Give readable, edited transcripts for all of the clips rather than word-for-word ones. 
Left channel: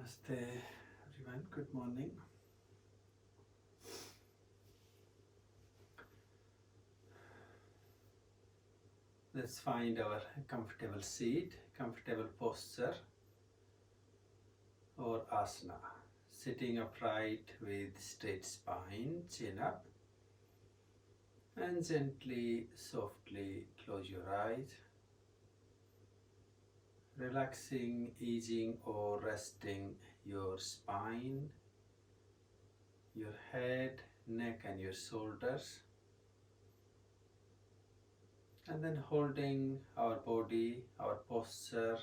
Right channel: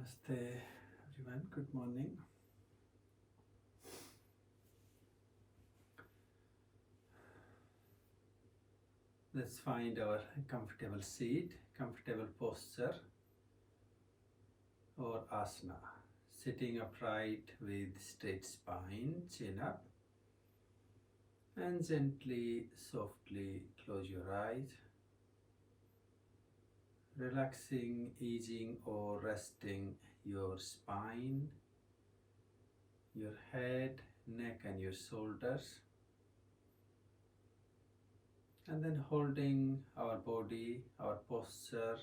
Namaste, everyone. Good morning. Let's find our comfortable seat, comfortable posture, or asana. Sitting upright with straight spine, chin up, and gently, softly close your eyes. Relaxing, easing, or resting your spine, your head, neck, and your shoulders. And then holding our body, our posture,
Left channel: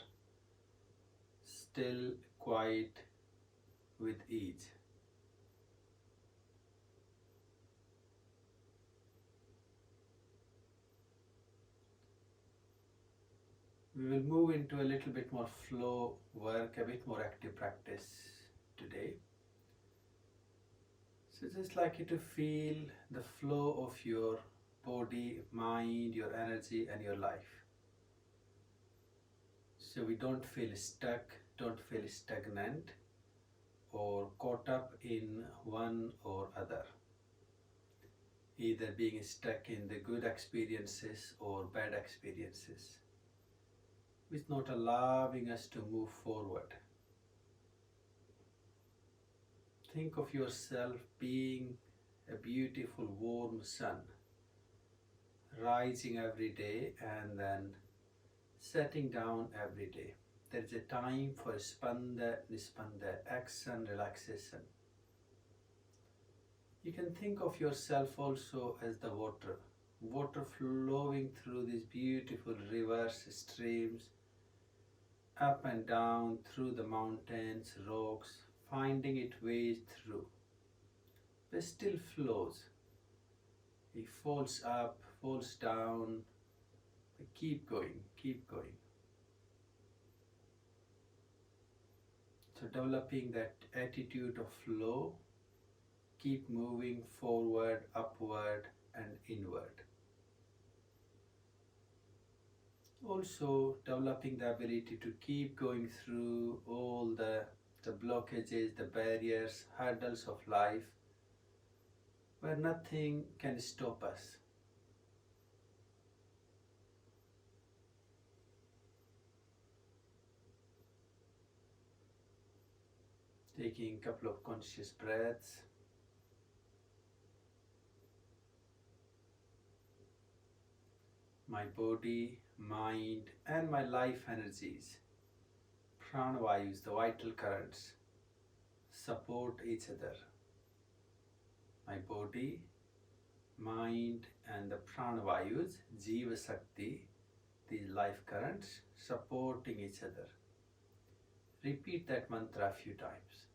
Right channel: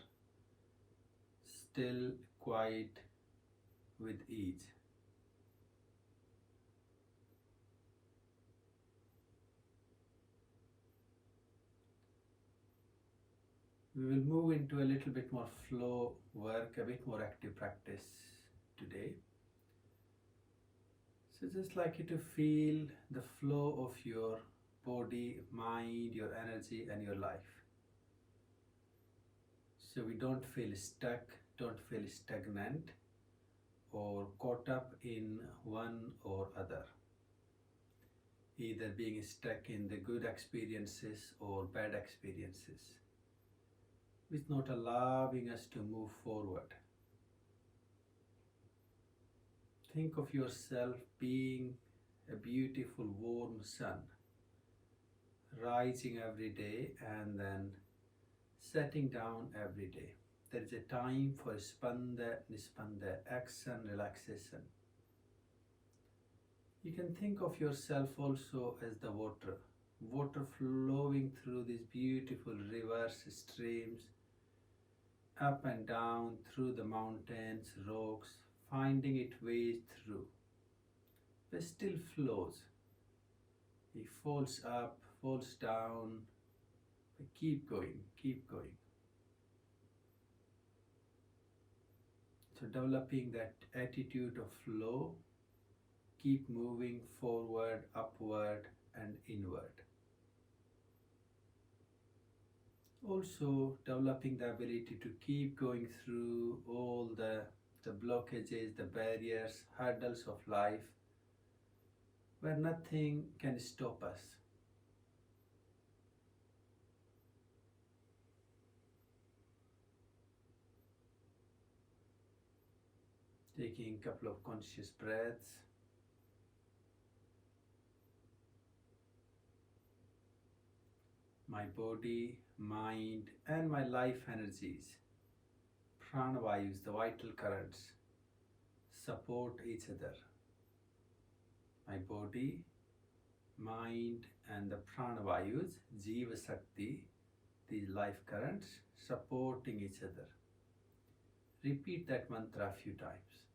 still, quiet, with ease. We will move into a little bit more flow work, a bit more active practice today. So just like you to feel the flow of your body, mind, your energy and your life. So we don't feel stuck, don't feel stagnant or caught up in one or other. Either being stuck in the good experiences or bad experiences, which not allowing us to move forward. Think of yourself being a beautiful warm sun, rising every day and then setting down every day. There is a time for spanda, nispanda, action, relaxation. You can think of yourself also as the water flowing through these beautiful rivers, streams, up and down through the mountains, rocks, finding its way through, but still flows. It falls up, falls down, but keep going, keep going. So developing that attitude of flow, keep moving forward, upward and inward. Also developing the ability to keep going through all the blockages, the barriers, hurdles of life, where nothing can stop us. Taking a couple of conscious breaths. My body, mind and my life energies, pranavayus, the vital currents, support each other. My body, mind and the pranavayus, jiva shakti, these life currents supporting each other. Repeat that mantra a few times.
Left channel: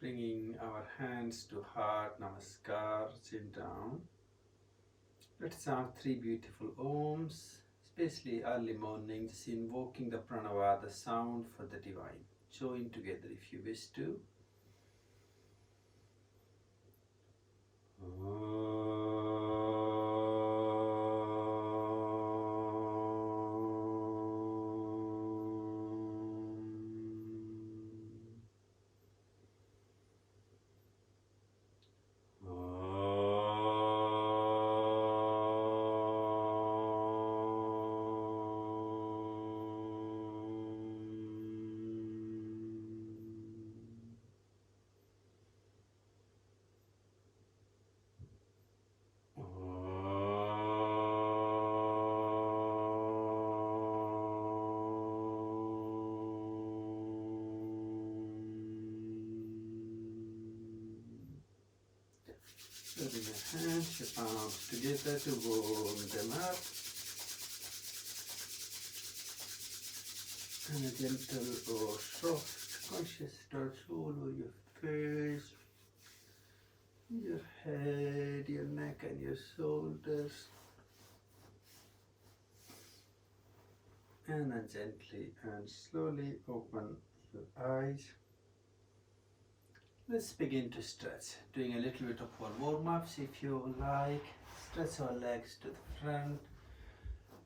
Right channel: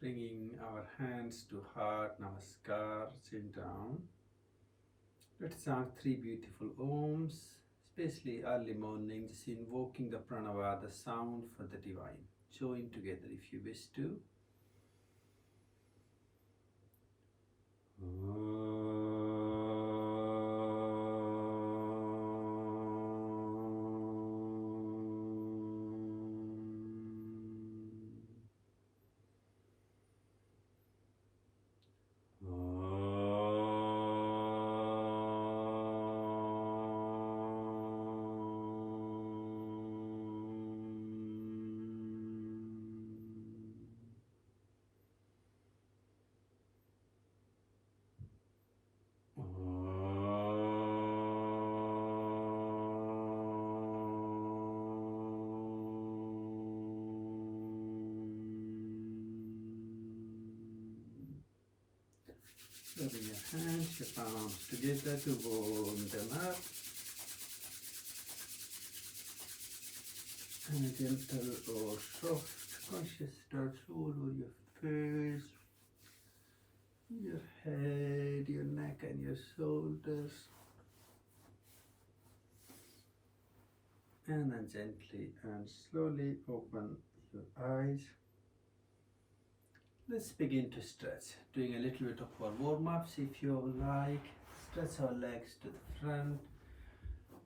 Bringing our hands to heart, namaskar, chin down. Let's chant 3 beautiful Oms, especially early morning, just invoking the pranava, the sound for the divine. Join together if you wish to. hands, your arms together to warm them up. And a gentle or soft conscious starts all over your face, your head, your neck and your shoulders. And then gently and slowly open your eyes. Let's begin to stretch, doing a little bit of our warm-ups if you like. Stretch our legs to the front.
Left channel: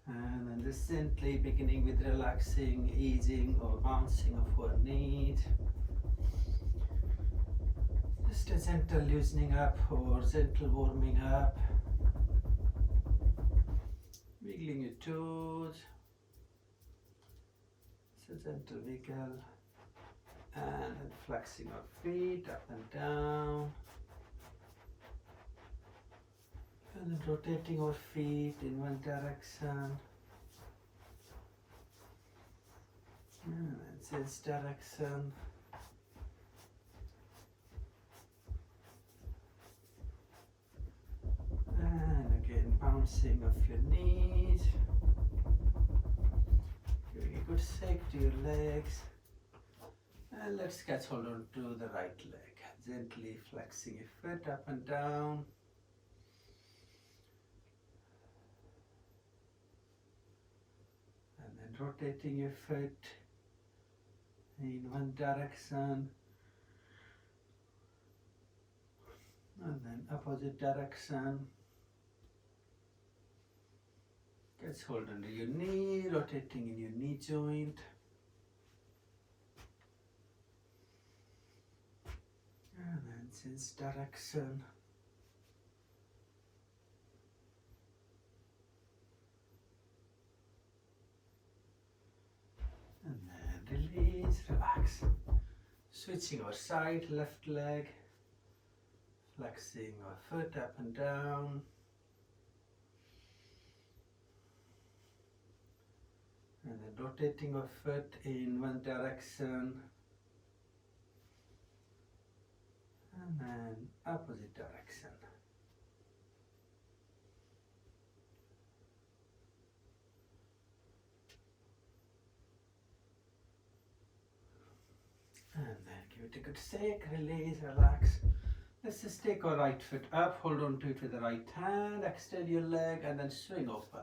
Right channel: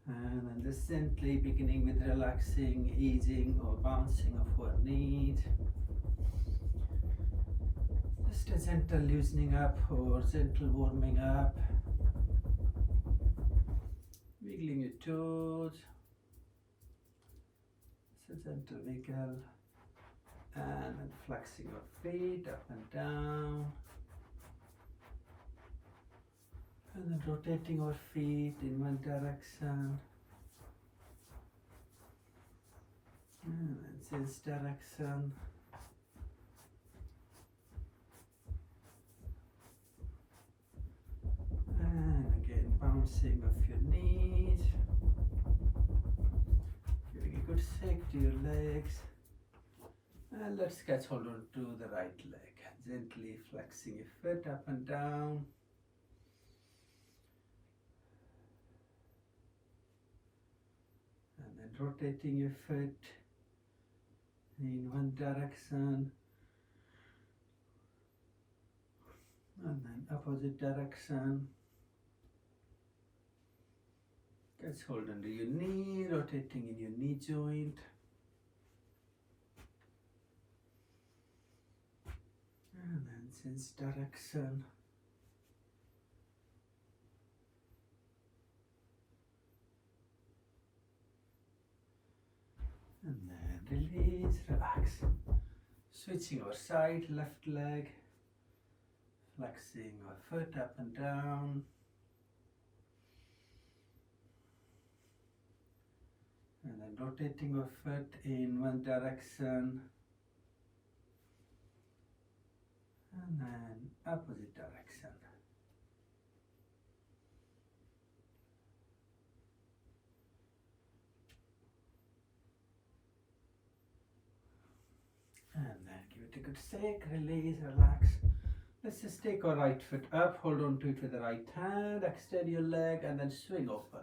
And then just gently beginning with relaxing, easing or bouncing of our knees. Just a gentle loosening up or gentle warming up. Wiggling your toes. It's a gentle wiggle. And then flexing our feet up and down. And then rotating our feet in one direction. And then this direction. And again bouncing off your knees. Giving a good shake to your legs. And let's catch hold on to the right leg. Gently flexing your foot up and down. And then rotating your foot in one direction. And then opposite direction. Catch hold under your knee, rotating in your knee joint. And then change direction. And then release, relax. Switching our side, left leg. Flexing our foot up and down. And then rotating our foot in one direction. And then opposite direction. And then give it a good shake, release, relax. Let's just take our right foot up, hold on to it with the right hand, extend your leg and then swing open.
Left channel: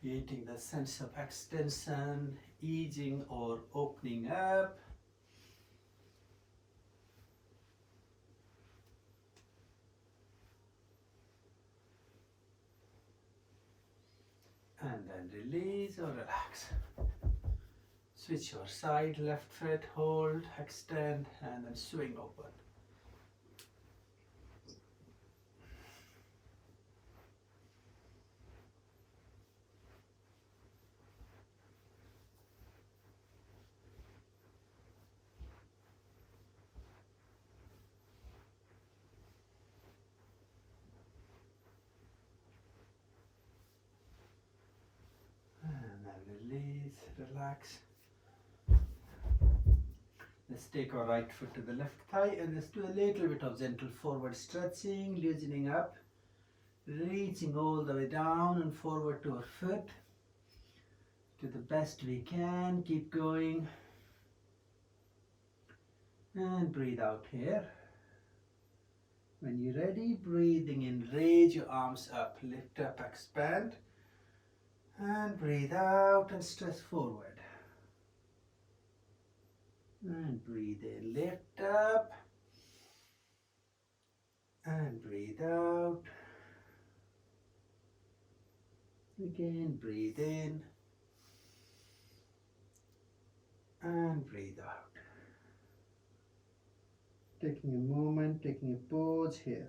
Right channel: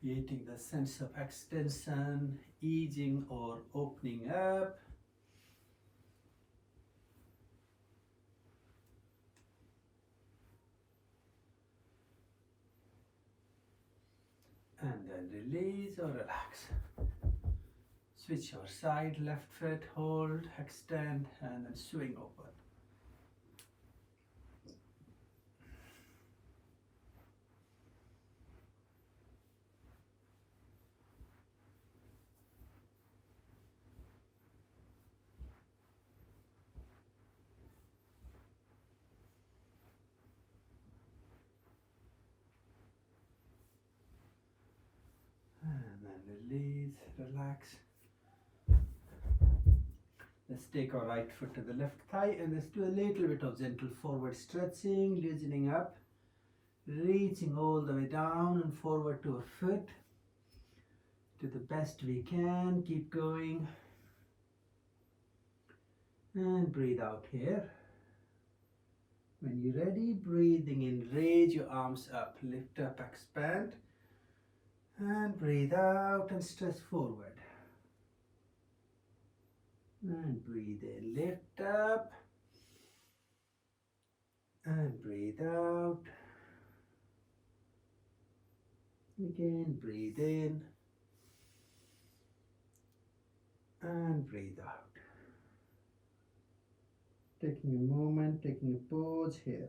Creating the sense of extension, easing or opening up. And then release or relax. Switch your side, left foot, hold, extend and then swing open. Release, relax. Let's take our right foot to the left thigh and let's do a little bit of gentle forward stretching, loosening up, reaching all the way down and forward to our foot. Do the best we can, keep going. And breathe out here. When you're ready, breathing in, raise your arms up, lift up, expand. And breathe out and stretch forward. And breathe in, lift up. And breathe out. Again, breathe in. And breathe out. Taking a moment, taking a pause here.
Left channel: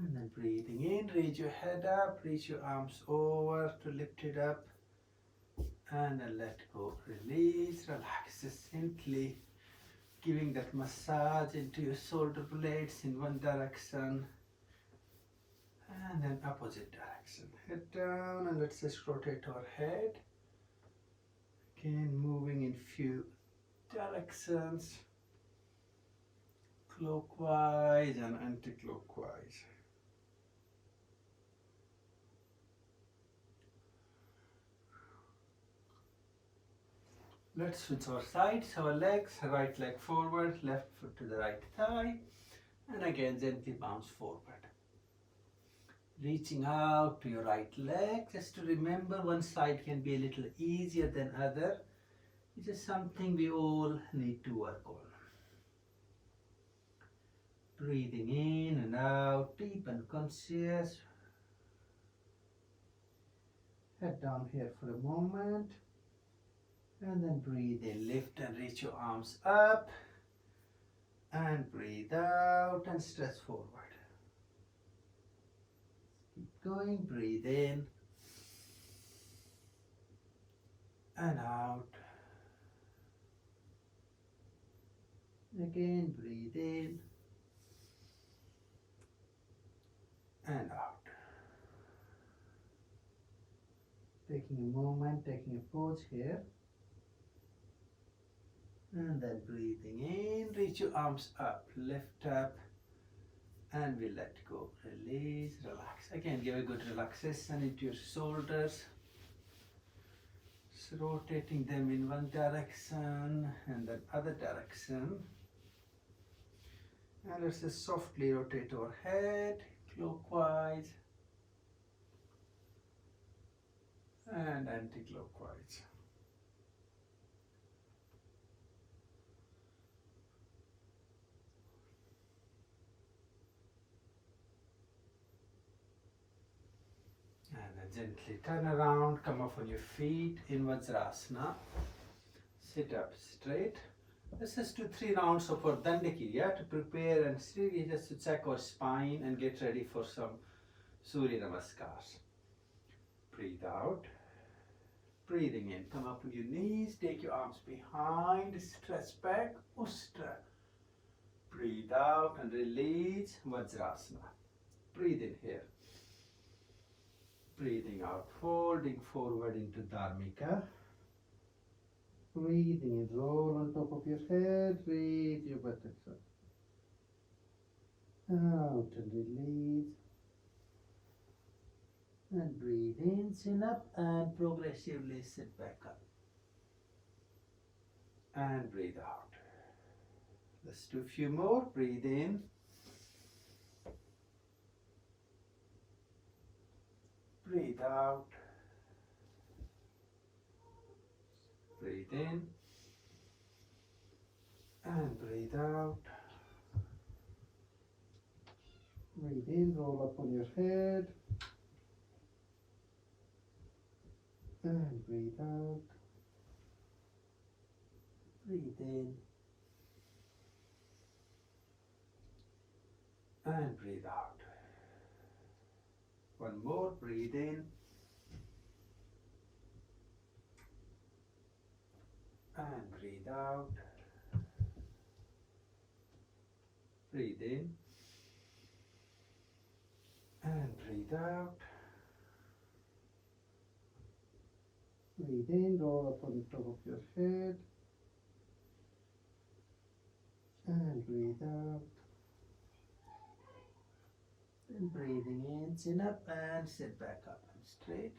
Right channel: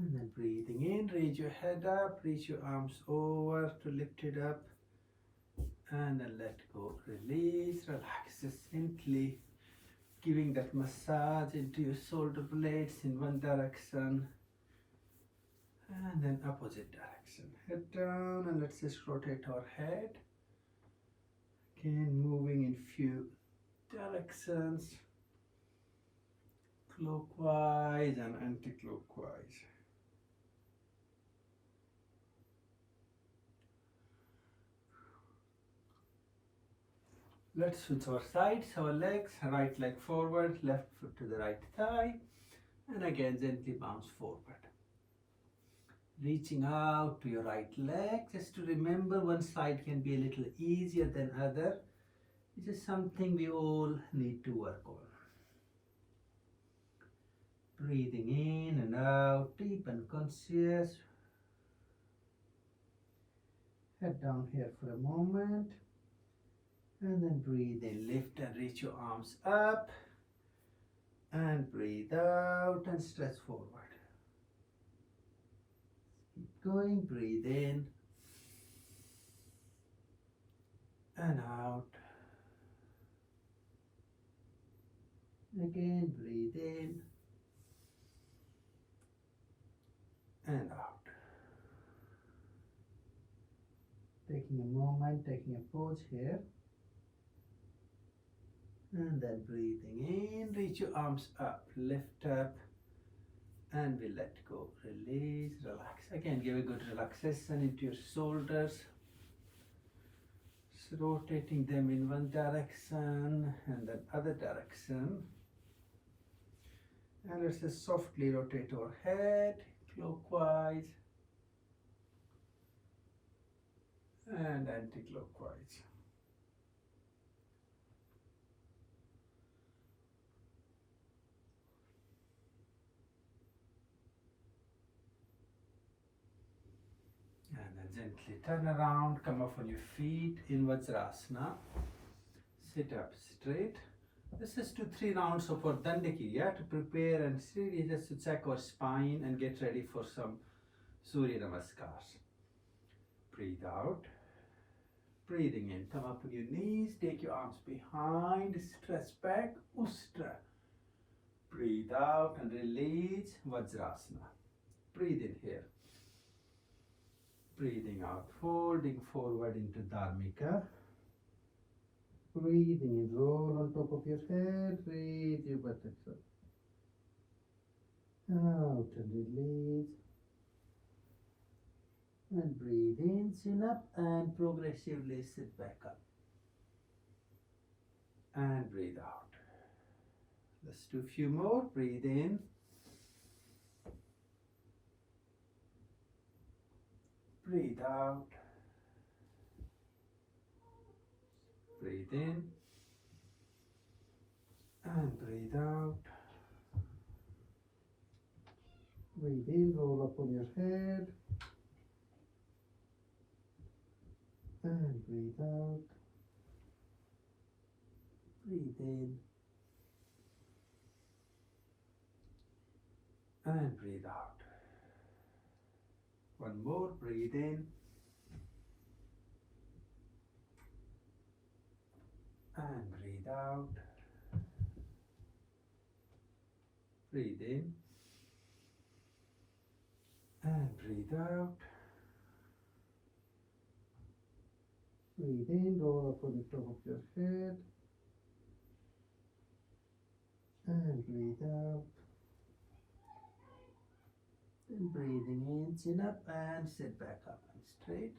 And then breathing in, raise your head up, reach your arms over to lift it up. And then let go, release, relax. Just gently giving that massage into your shoulder blades in one direction. And then opposite direction. and head down, and let's just rotate our head. Again, moving in few directions, clockwise and anti-clockwise. Let's switch our sides, our legs, right leg forward, left foot to the right thigh, and again gently bounce forward. Reaching out to your right leg, just to remember one side can be a little easier than other. It is something we all need to work on. Breathing in and out, deep and conscious. Head down here for a moment. And then breathe in, lift and reach your arms up. And breathe out and stretch forward. Keep going, breathe in. And out. Again, breathe in. And out. Taking a moment, taking a pause here. And then breathing in, reach your arms up, lift up, and we let go. Release, relax. Again, give a good relaxation into your shoulders. Just rotating them in one direction and then other direction. And let's just softly rotate our head clockwise and anti-clockwise. And then gently turn around, come up on your feet in Vajrasana. Sit up straight. Let's just do 3 rounds of our Dandakriya to prepare and really just to check our spine and get ready for some Surya Namaskars. Breathe out. Breathing in, come up on your knees, take your arms behind, stretch back, Ustra. Breathe out and release, Vajrasana. Breathe in here. Breathing out, folding forward into Dharmika. Breathing in, roll on top of your head, raise your buttocks up. Out and release. And breathe in, chin up, and progressively sit back up. And breathe out. Let's do a few more. Breathe in. Breathe out. Breathe in. And breathe out. Breathe in, roll up on your head. And breathe out. Breathe in. And breathe out. One more, breathe in. And breathe out. Breathe in. And breathe out. Breathe in, roll up on the top of your head. And breathe out. And breathing in, chin up and sit back up and straight.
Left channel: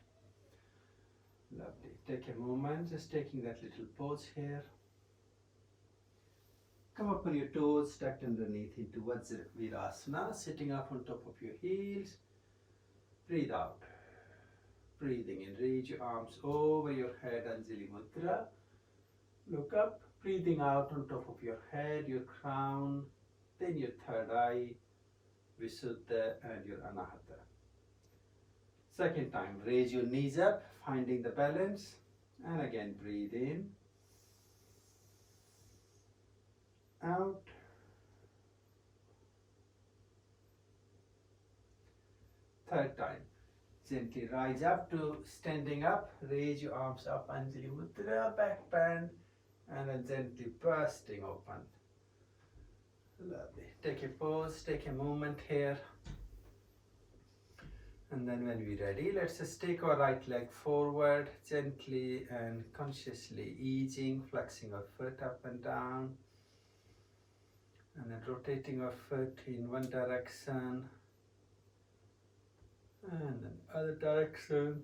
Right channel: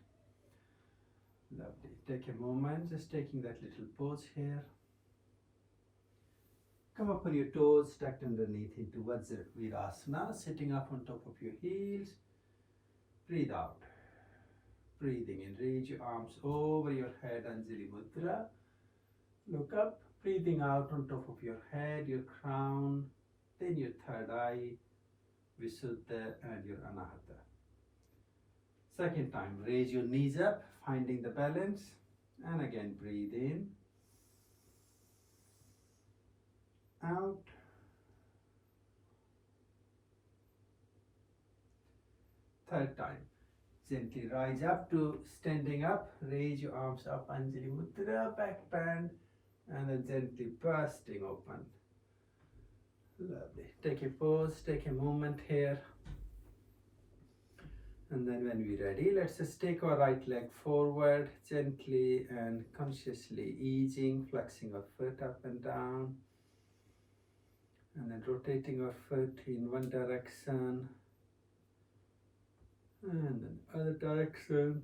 Lovely. Take a moment, just taking that little pause here. Come up on your toes, tucked underneath into Vajravirasana, sitting up on top of your heels. Breathe out. Breathing in, reach your arms over your head, Anjali Mudra. Look up, breathing out on top of your head, your crown, then your third eye, Visuddha, and your Anahata. Second time, raise your knees up, finding the balance, and again breathe in, out, third time. Gently rise up to standing up, raise your arms up, Anjali Mudra, back bend, and then gently bursting open. Lovely. Take a pause, take a moment here. And then when we're ready, let's just take our right leg forward, gently and consciously easing, flexing our foot up and down, and then rotating our foot in one direction and then other direction.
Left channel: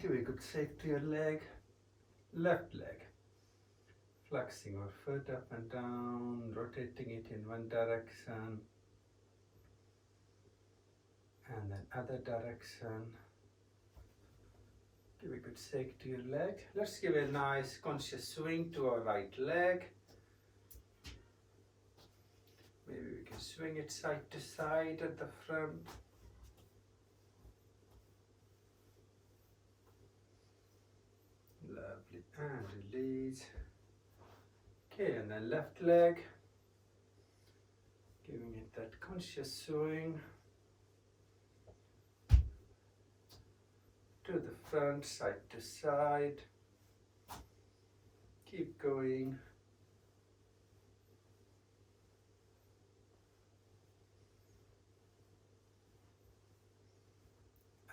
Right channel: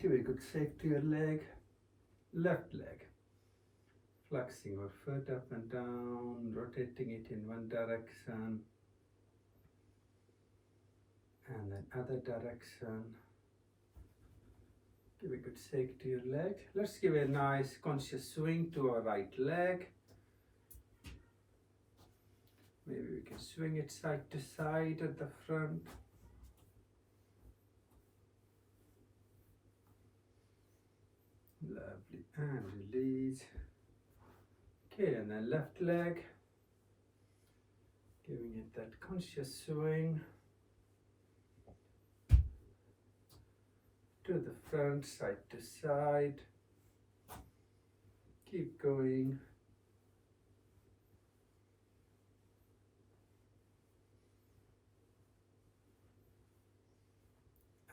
Give a good shake to your leg, left leg. Flexing our foot up and down, rotating it in one direction and then other direction. Give a good shake to your leg. Let's give a nice conscious swing to our right leg. Maybe we can swing it side to side at the front. Lovely, and release. Okay, and then left leg. Giving it that conscious swing. To the front, side to side. Keep going.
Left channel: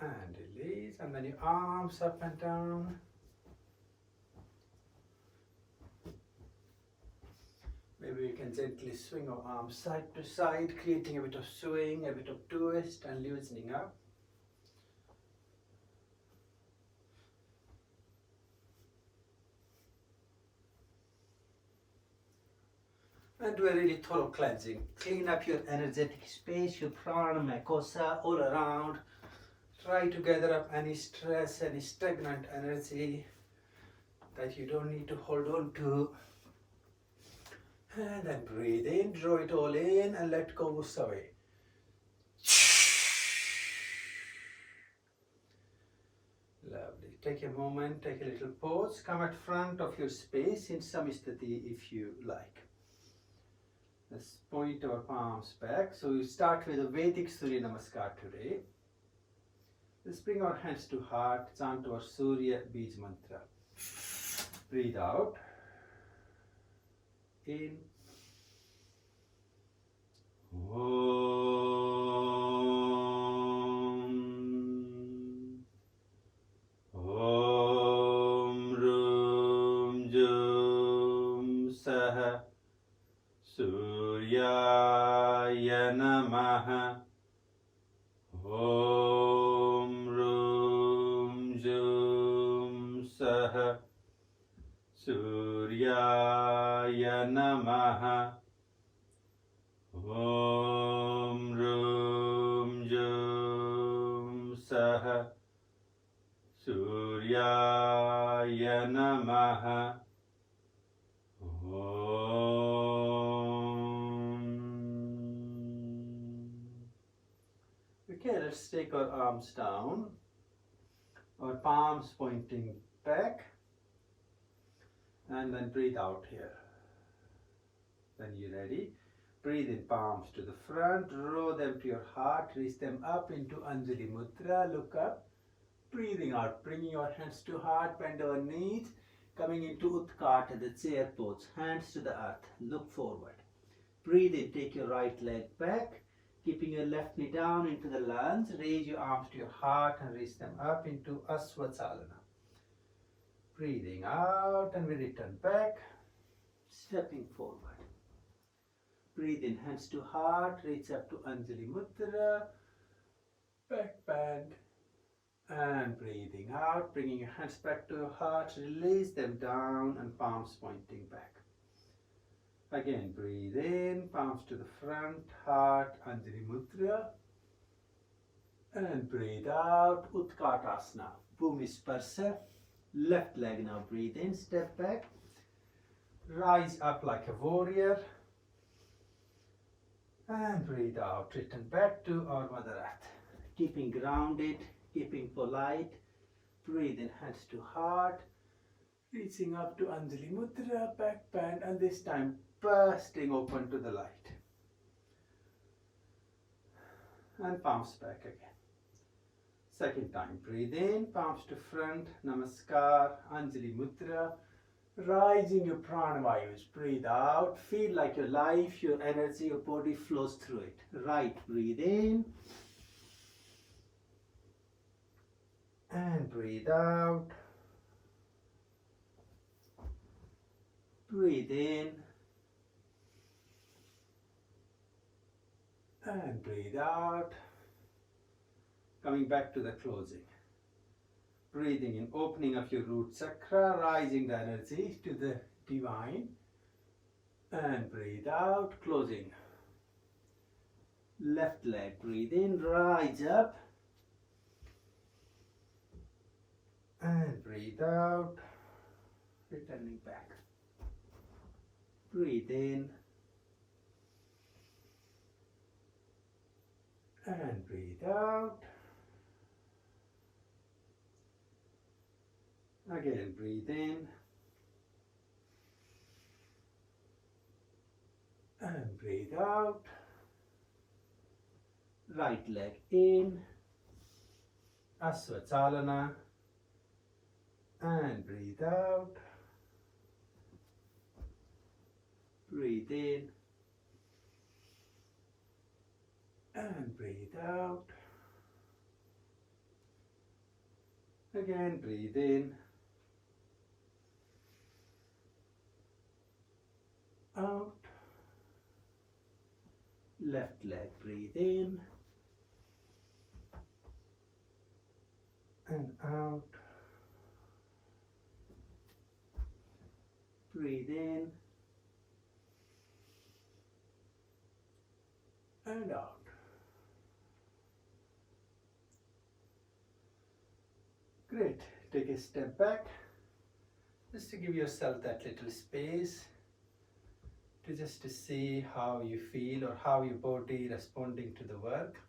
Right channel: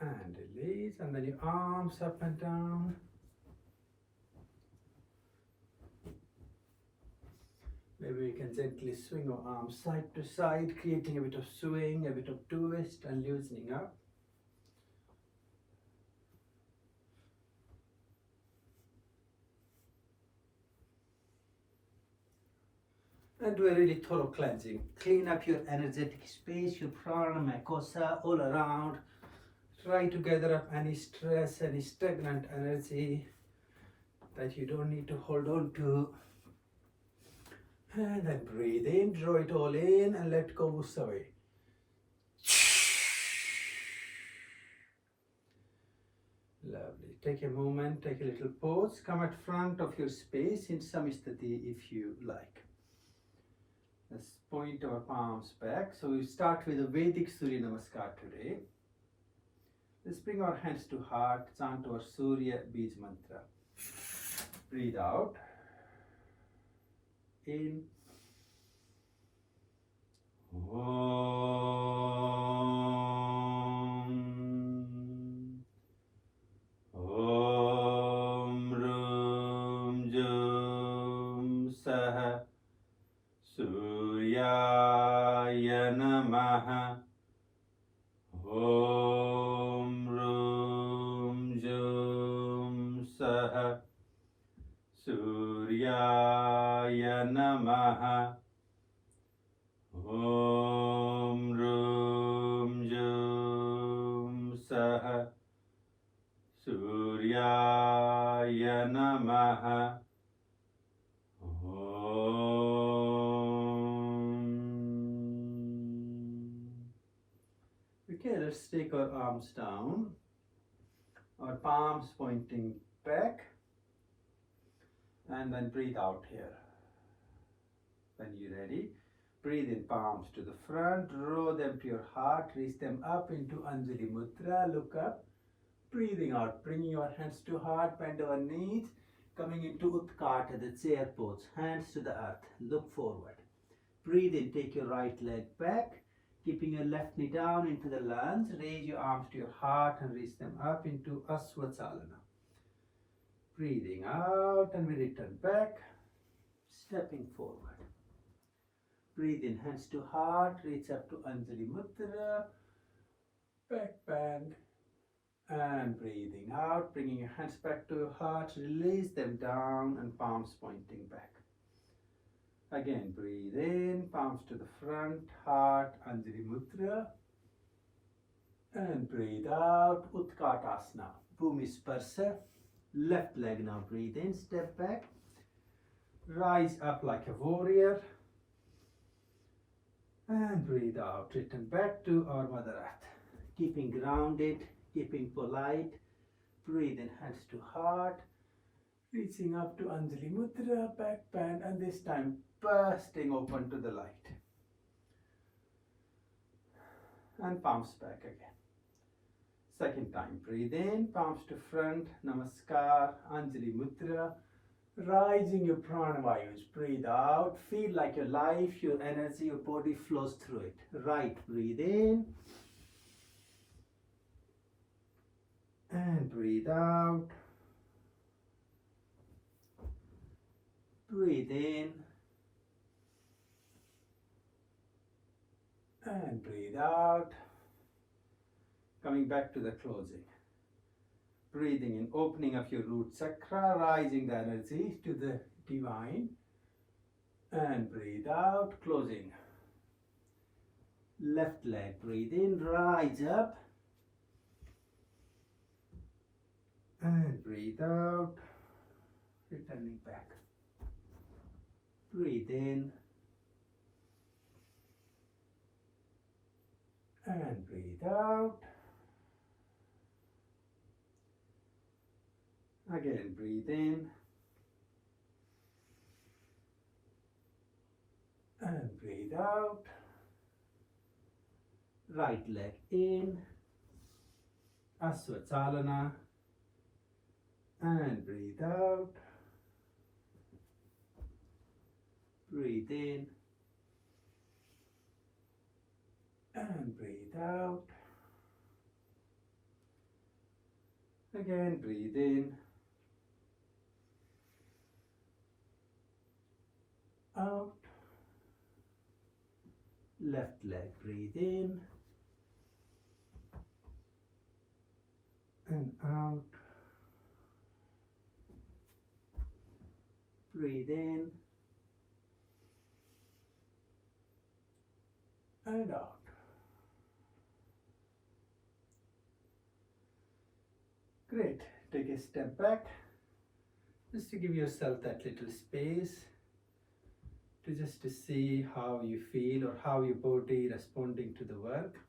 And release, and then your arms up and down. Maybe we can gently swing our arms side to side, creating a bit of swing, a bit of twist and loosening up. And do a really thorough cleansing. Clean up your energetic space, your prana, kosa, all around. Try to gather up any stress, any stagnant energy that you don't need to hold on to. And then breathe in, draw it all in and let go, moves away. Lovely. Take a moment, take a little pause. Come at front of your space in Samistati if you like. Let's point our palms back. So we start with a Vedic Surya Namaskar today. Let's bring our hands to heart, chant our Surya Bij Mantra. Breathe out. In. Om. Om Rum Jum Sah Suryaya Namaha. Om Rum Jum Sah Suryaya Namaha. Om Rum Jum Sah Suryaya Namaha. Okay, let's take our arms down, our palms pointing back, and then breathe out here. When you're ready, breathe in, palms to the front, draw them to your heart, reach them up into Anjali Mudra, look up, breathing out, bringing your hands to heart, bend our knees, coming into Utkata, the chair pose, hands to the earth, look forward. Breathe in, take your right leg back, keeping your left knee down into the lunge, raise your arms to your heart and reach them up into Asvachalana. Breathing out and we return back, stepping forward. Breathe in, hands to heart, reach up to Anjali Mudra, back bend, and breathing out, bringing your hands back to your heart, release them down and palms pointing back. Again, breathe in, palms to the front, heart, Anjali Mudra, and breathe out, Utkatasana, Bhumi Sparsa. Left leg now, breathe in, step back, rise up like a warrior, and breathe out, return back to our Mother Earth. Keeping grounded, keeping polite, breathe in, hands to heart, reaching up to Anjali Mudra, back bend, and this time bursting open to the light. And palms back again. Second time, breathe in, palms to front, Namaskar, Anjali Mudra, Rising your pranavayus. Breathe out. Feel like your life, your energy, your body flows through it. Right. Breathe in. And breathe out. Breathe in. And breathe out. Coming back to the closing. Breathing in, opening of your root chakra, rising the energy to the divine. And breathe out, closing. Left leg, breathe in, rise up. And breathe out, returning back. Breathe in. And breathe out. Again, breathe in. And breathe out. Right leg in. Asvachalana. And breathe out. Breathe in. And breathe out. Again, breathe in. Out. Left leg, breathe in. And out. Breathe in. And out. Great. Take a step back. Just to give yourself that little space to just to see how you feel or how your body responding to the work.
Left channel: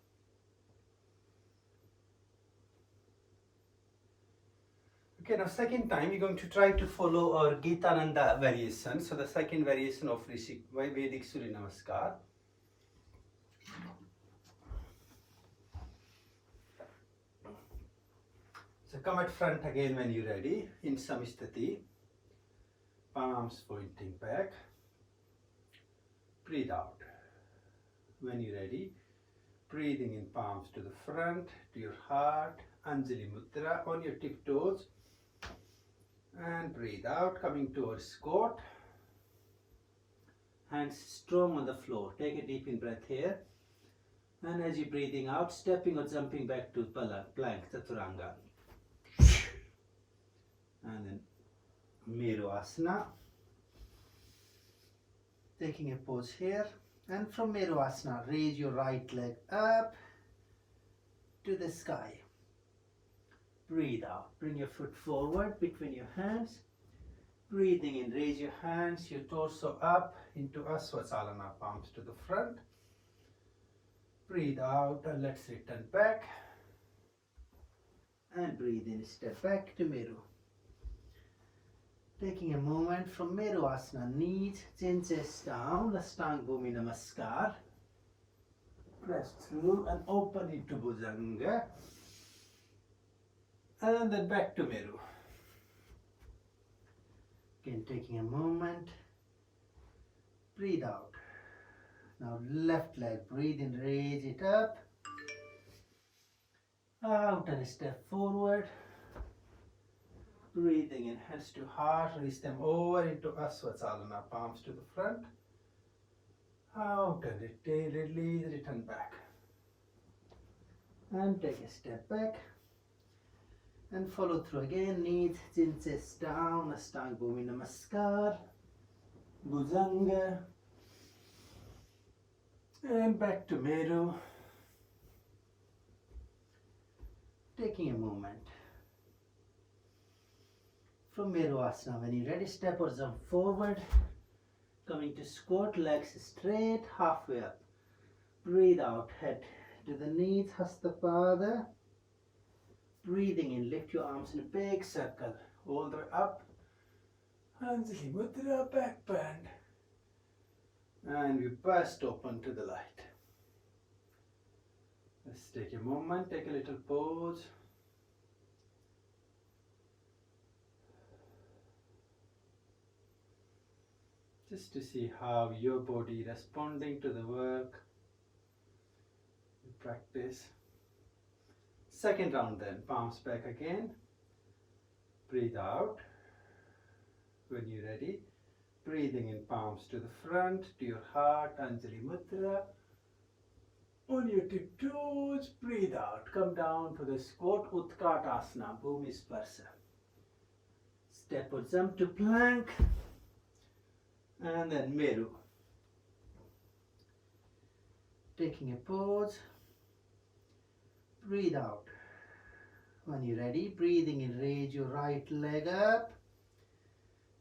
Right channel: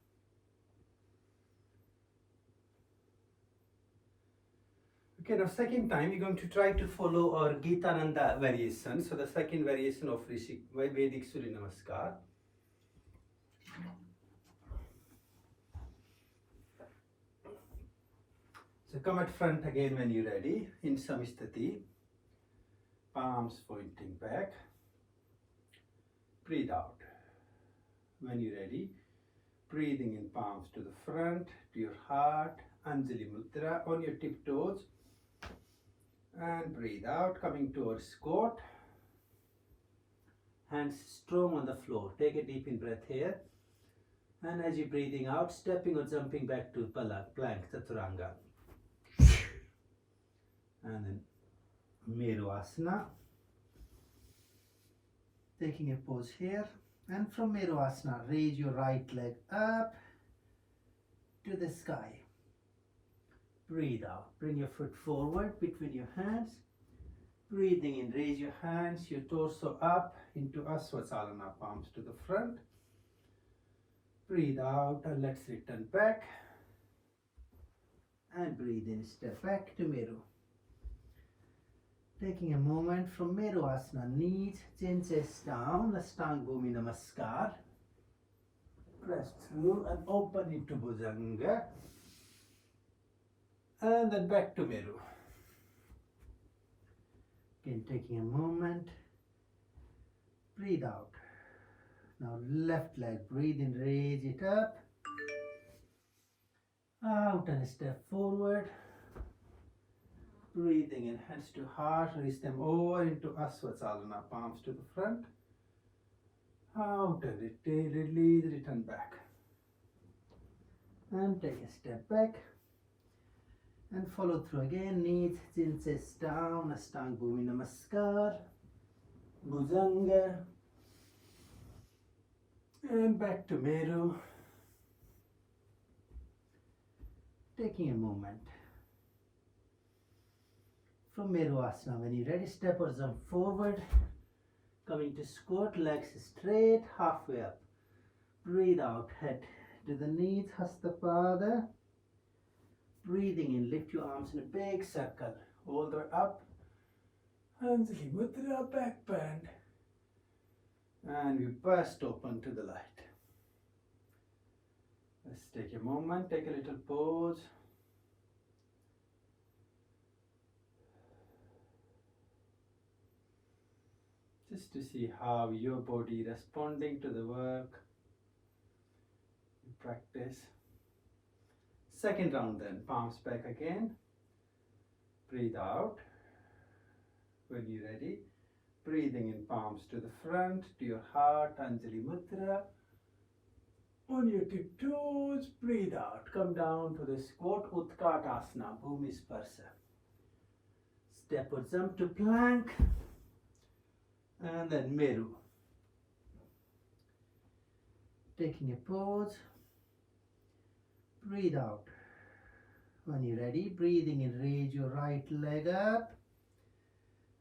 Okay, now second time we're going to try to follow our Gitananda variation. So the second variation of Vedic Surya Namaskar. So come at front again when you're ready in Samistati. Palms pointing back. Breathe out. When you're ready, breathing in palms to the front, to your heart, Anjali Mudra on your tiptoes. And breathe out, coming towards squat. Hands strong on the floor. Take a deep in breath here. And as you're breathing out, stepping or jumping back to plank, Chaturanga. And then Meru Asana. Taking a pause here. And from Meru Asana, raise your right leg up to the sky. Breathe out. Bring your foot forward between your hands. Breathing in, raise your hands, your torso up into Asvachalana, palms to the front. Breathe out and let's return back. And breathe in, step back to Meru. Taking a moment from Meru Asana, knees, chin, chest down, Ashtanga Bhumi Namaskar. Press through and open into Bhujanga. And then back to Meru. Again, taking a moment. Breathe out. Now left leg, breathe in, raise it up. Out and step forward. Breathing in, hands to heart, raise them over into Asvachalana, palms to the front. Out and retain, release, return back. And take a step back. And follow through again, knees, chin, chest down, Ashtanga Bhumi Namaskar, Bhujanga, and back to Meru. Taking a moment. From Meru Asana, when you're ready, step or jump forward, coming to squat, legs straight, halfway up. Breathe out, head to the knees, Hastapada. Breathing in, lift your arms in a big circle, all the way up. Anjali Mudra, back bend. And we burst open to the light. Let's take a moment, take a little pause. just to see how your body responding to the work. Practice. Second round then, palms back again. Breathe out. When you're ready, breathing in palms to the front, to your heart, Anjali Mudra. On your tiptoes, breathe out. Come down to the squat, Utkatasana, Bhumi Sparsa. Step or jump to plank. And then Meru. Taking a pause. Breathe out. When you're ready, breathing in, raise your right leg up.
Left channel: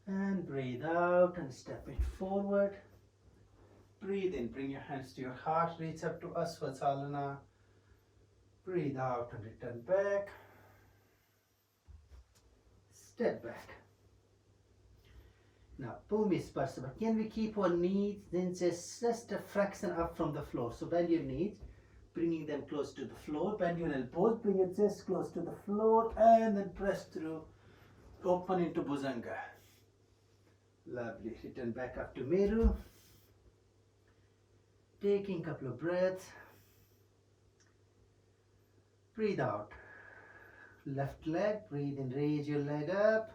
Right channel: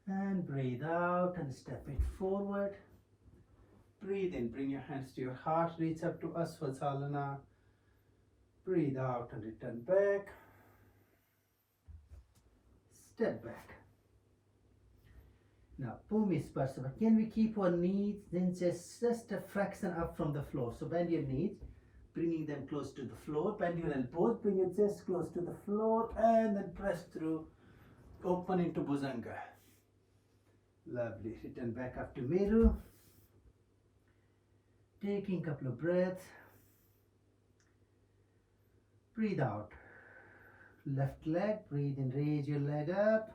And breathe out and step it forward. Breathe in, bring your hands to your heart, reach up to Asvasalana. Breathe out and return back. Step back. Now, Bhumi Sparsa, but can we keep our knees then just a fraction up from the floor? So bend your knees, bringing them close to the floor. Bend your elbows, bring it just close to the floor and then press through. Open into Bhujanga. Lovely. Return back up to Meru. Taking a couple of breaths. Breathe out. Left leg, breathe in, raise your leg up.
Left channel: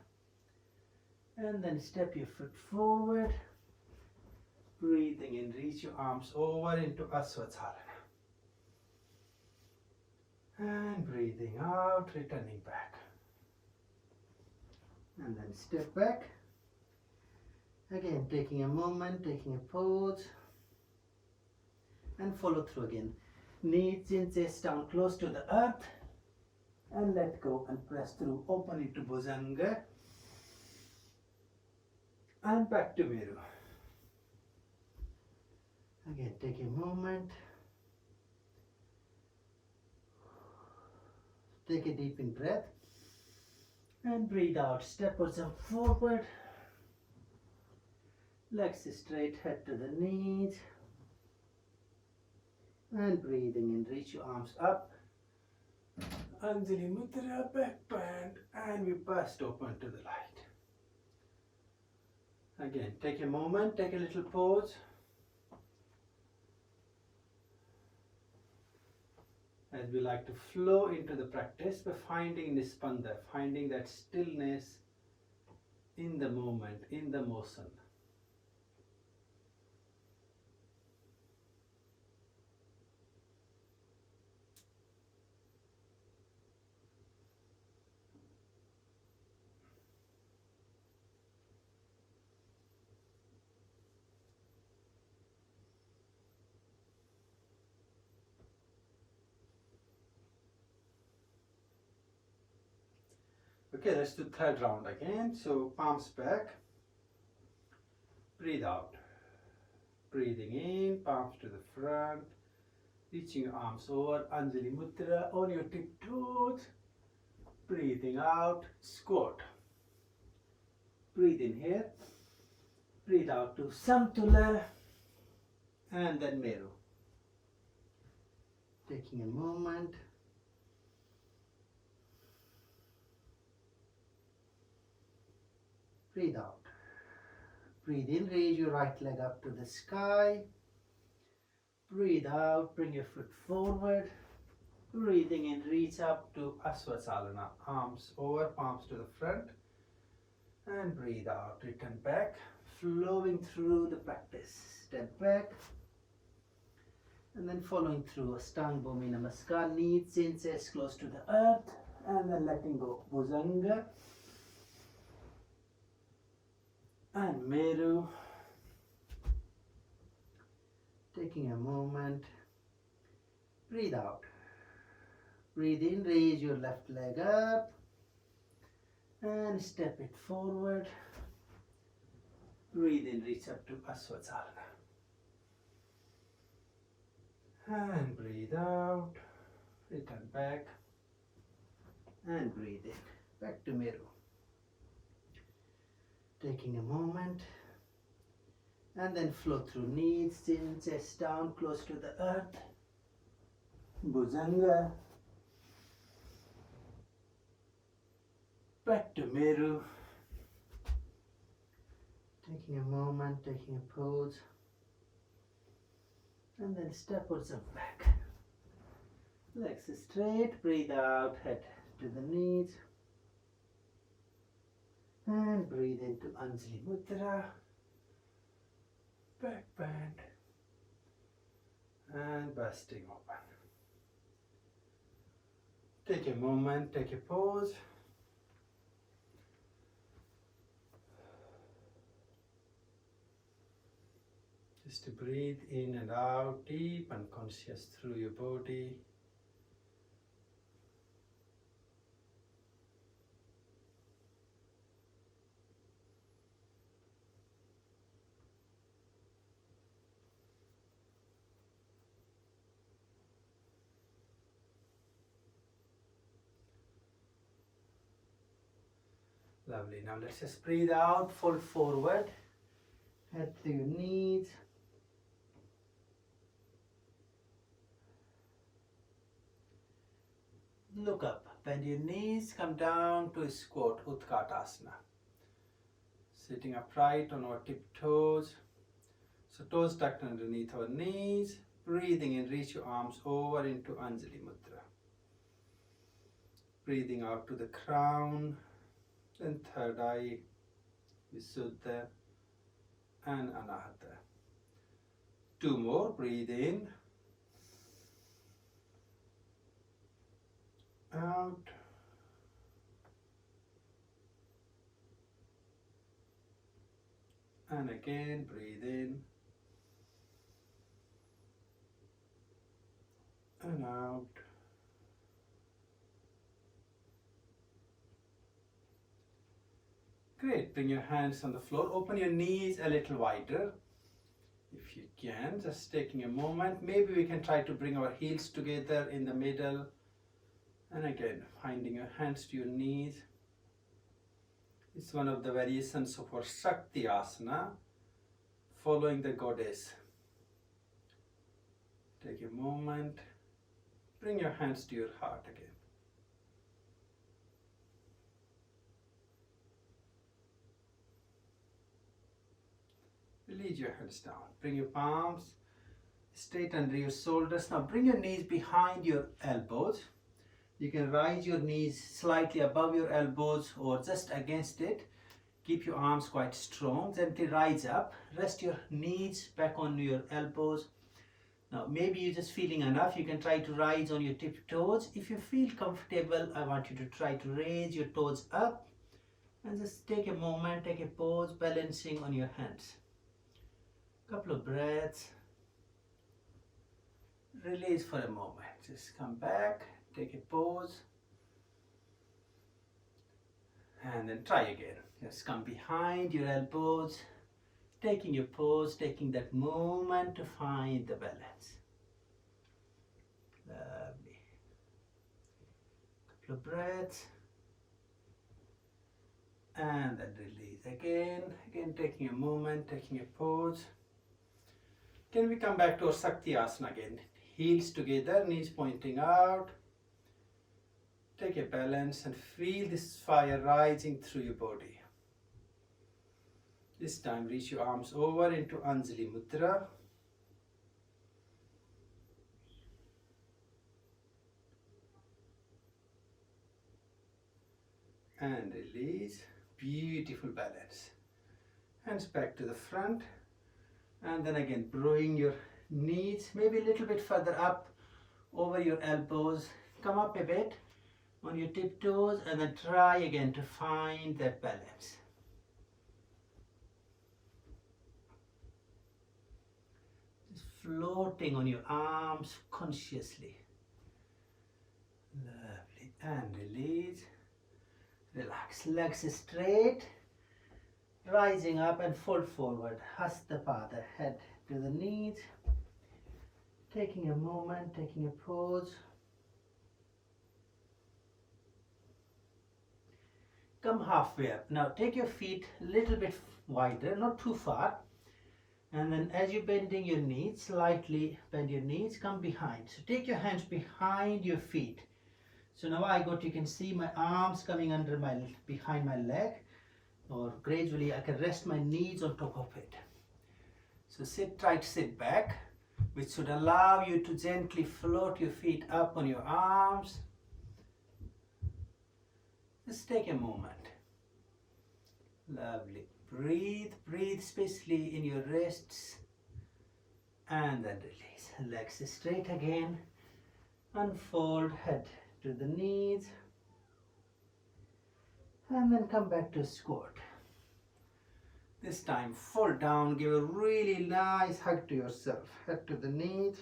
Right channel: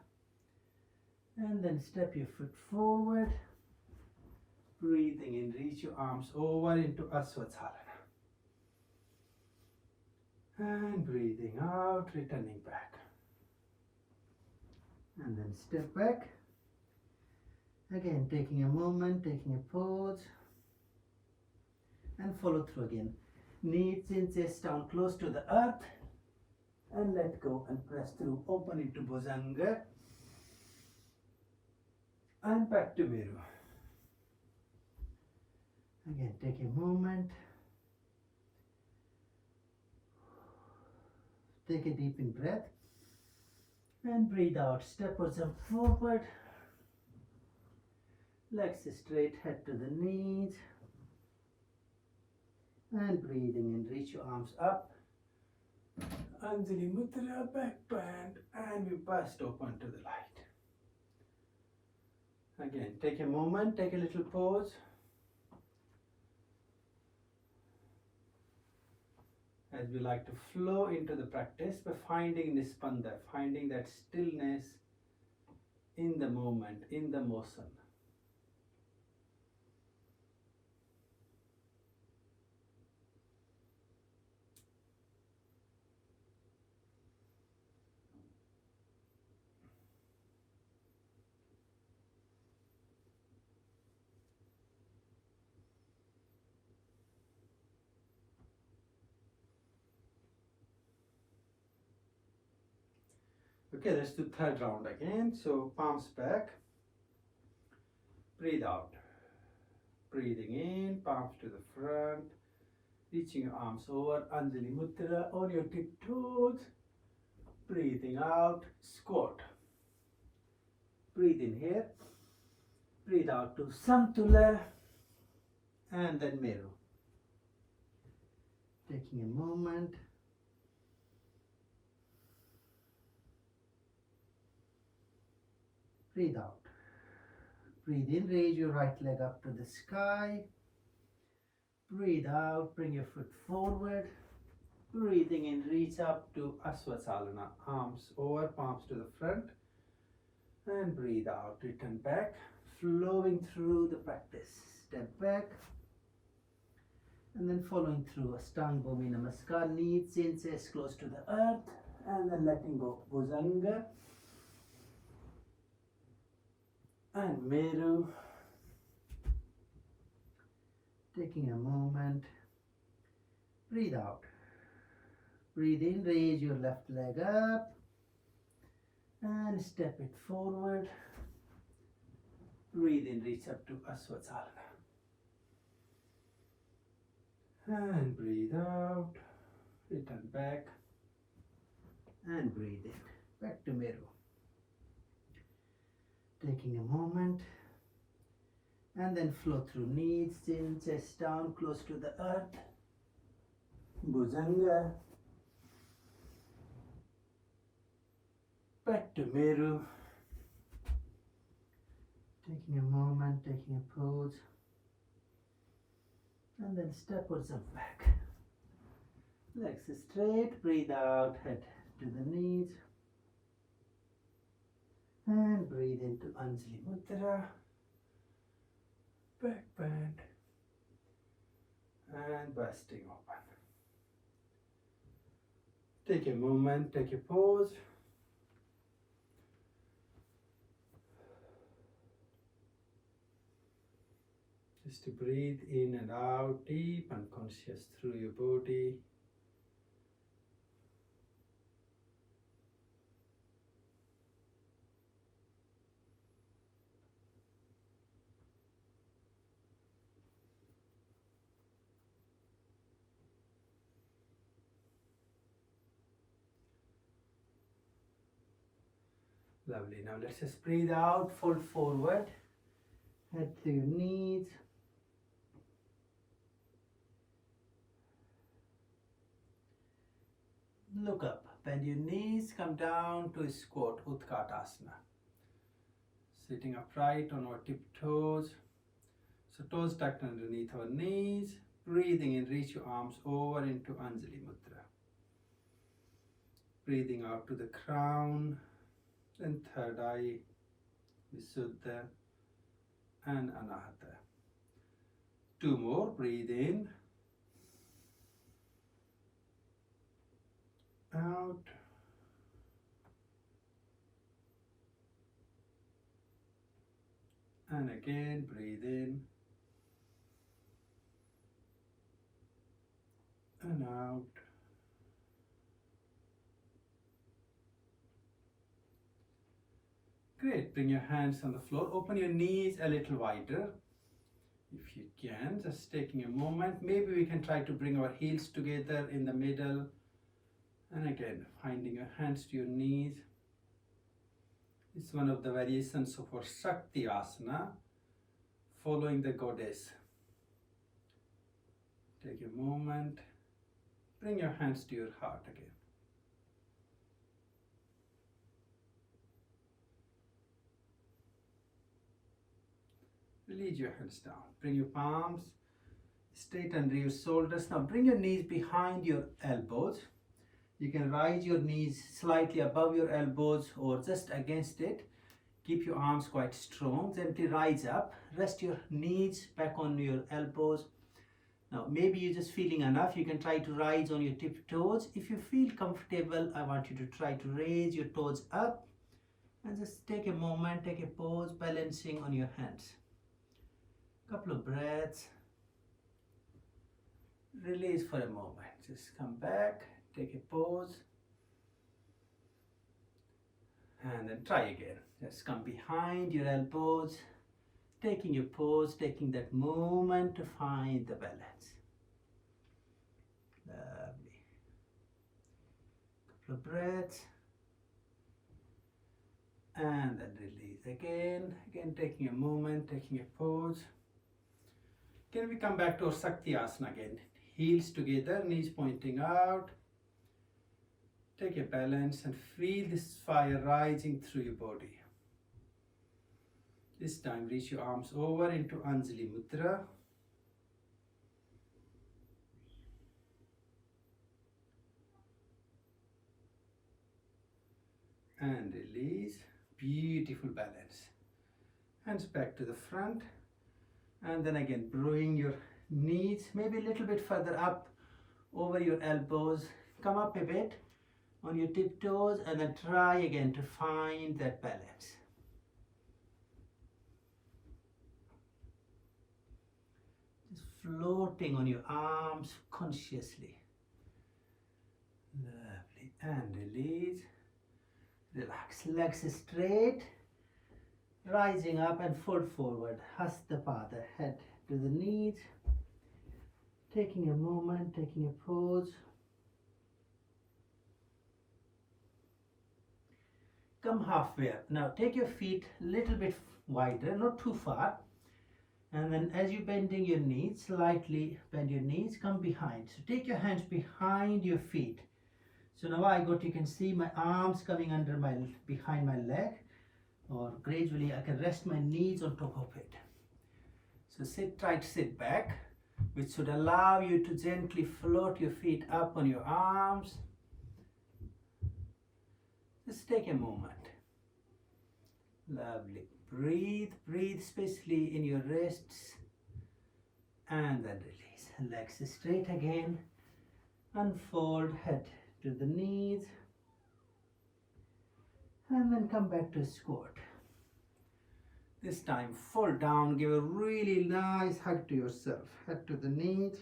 And then step your foot forward. Breathing in, reach your arms over into Asvasalana. And breathing out, returning back. And then step back. Again, taking a moment, taking a pause. And follow through again. Knees in, chest down close to the earth. And let go and press through. Open into Bhujanga. And back to Meru. Again, take a moment. Take a deep in breath. And breathe out. Step or jump forward. Legs straight, head to the knees. And breathing in, reach your arms up. Anjali Mudra, back bend, and we burst open to the light. Again, take a moment, take a little pause. As we like to flow into the practice by finding Nispanda, finding that stillness in the moment, in the motion. Okay, let's do third round again. So palms back. Breathe out. Breathing in, palms to the front. Reaching your arms over, Anjali Mudra on your tiptoes. Breathing out, squat. Breathe in here. Breathe out to Samtula. And then Meru. Taking a moment. Breathe out. Breathe in, raise your right leg up to the sky. Breathe out, bring your foot forward. Breathing in, reach up to Asvasalana. Arms over, palms to the front. And breathe out, return back. Flowing through the practice. Step back. And then following through Ashtanga Bhumi Namaskar. Knees in, chest close to the earth. And then letting go. Bhujanga. And Meru. Taking a moment. Breathe out. Breathe in, raise your left leg up. And step it forward. Breathe in, reach up to Asvasalana. And breathe out. Return back. And breathe in. Back to Meru. Taking a moment. And then flow through knees, chin, chest down, close to the earth. Bhujanga. Back to Meru. Taking a moment, taking a pause, and then step yourself back. Legs straight, breathe out, head to the knees, and breathe into Anjali Mudra, back bend, and busting open. Take a moment, take a pause. Just to breathe in and out, deep and conscious through your body. Lovely. Now let's just breathe out, fold forward, head to your knees. Look up, bend your knees, come down to a squat, Utkatasana. Sitting upright on our tiptoes. So toes tucked underneath our knees. Breathing in, reach your arms over into Anjali Mudra. Breathing out to the crown, then third eye, Visuddha and Anahata. Two more, breathe in, out, and again breathe in and out. Great, bring your hands on the floor, open your knees a little wider if you can, just taking a moment. Maybe we can try to bring our heels together in the middle, and again finding your hands to your knees. It's one of the variations of our Shakti Asana, following the goddess. Take a moment, bring your hands to your heart again. Release your hands down. Bring your palms straight under your shoulders. Now bring your knees behind your elbows. You can rise your knees slightly above your elbows or just against it. Keep your arms quite strong. Gently rise up. Rest your knees back on your elbows. Now maybe you're just feeling enough. You can try to rise on your tiptoes. If you feel comfortable, I want you to try to raise your toes up and just take a moment, take a pause, balancing on your hands. Couple of breaths. Release for a moment. Just come back, take a pause, and then try again. Just come behind your elbows, taking your pause, taking that moment to find the balance. Lovely. Couple of breaths, and then release again. Again, taking a moment, taking a pause. Can we come back to our Shakti Asana again? Heels together, knees pointing out. Take a balance and feel this fire rising through your body. This time reach your arms over into Anjali Mudra. And release. Beautiful balance. Hands back to the front. And then again, bring your knees maybe a little bit further up over your elbows. Come up a bit on your tiptoes and then try again to find that balance. Just floating on your arms consciously. Lovely. And release. Relax. Legs straight. Rising up and fold forward. Hasta Pada. Head to the knees. Taking a moment, taking a pause. Come halfway up. Now take your feet a little bit wider, not too far. And then as you're bending your knees, slightly bend your knees, come behind. So take your hands behind your feet. So now you can see my arms coming behind my leg. or gradually I can rest my knees on top of it. So try to sit back, which should allow you to gently float your feet up on your arms. Just take a moment. Lovely. Breathe especially in your wrists, and then release. Legs straight again. Unfold, head to the knees, and then come back to squat. This time fall down, give a really nice hug to yourself. Head to the knees.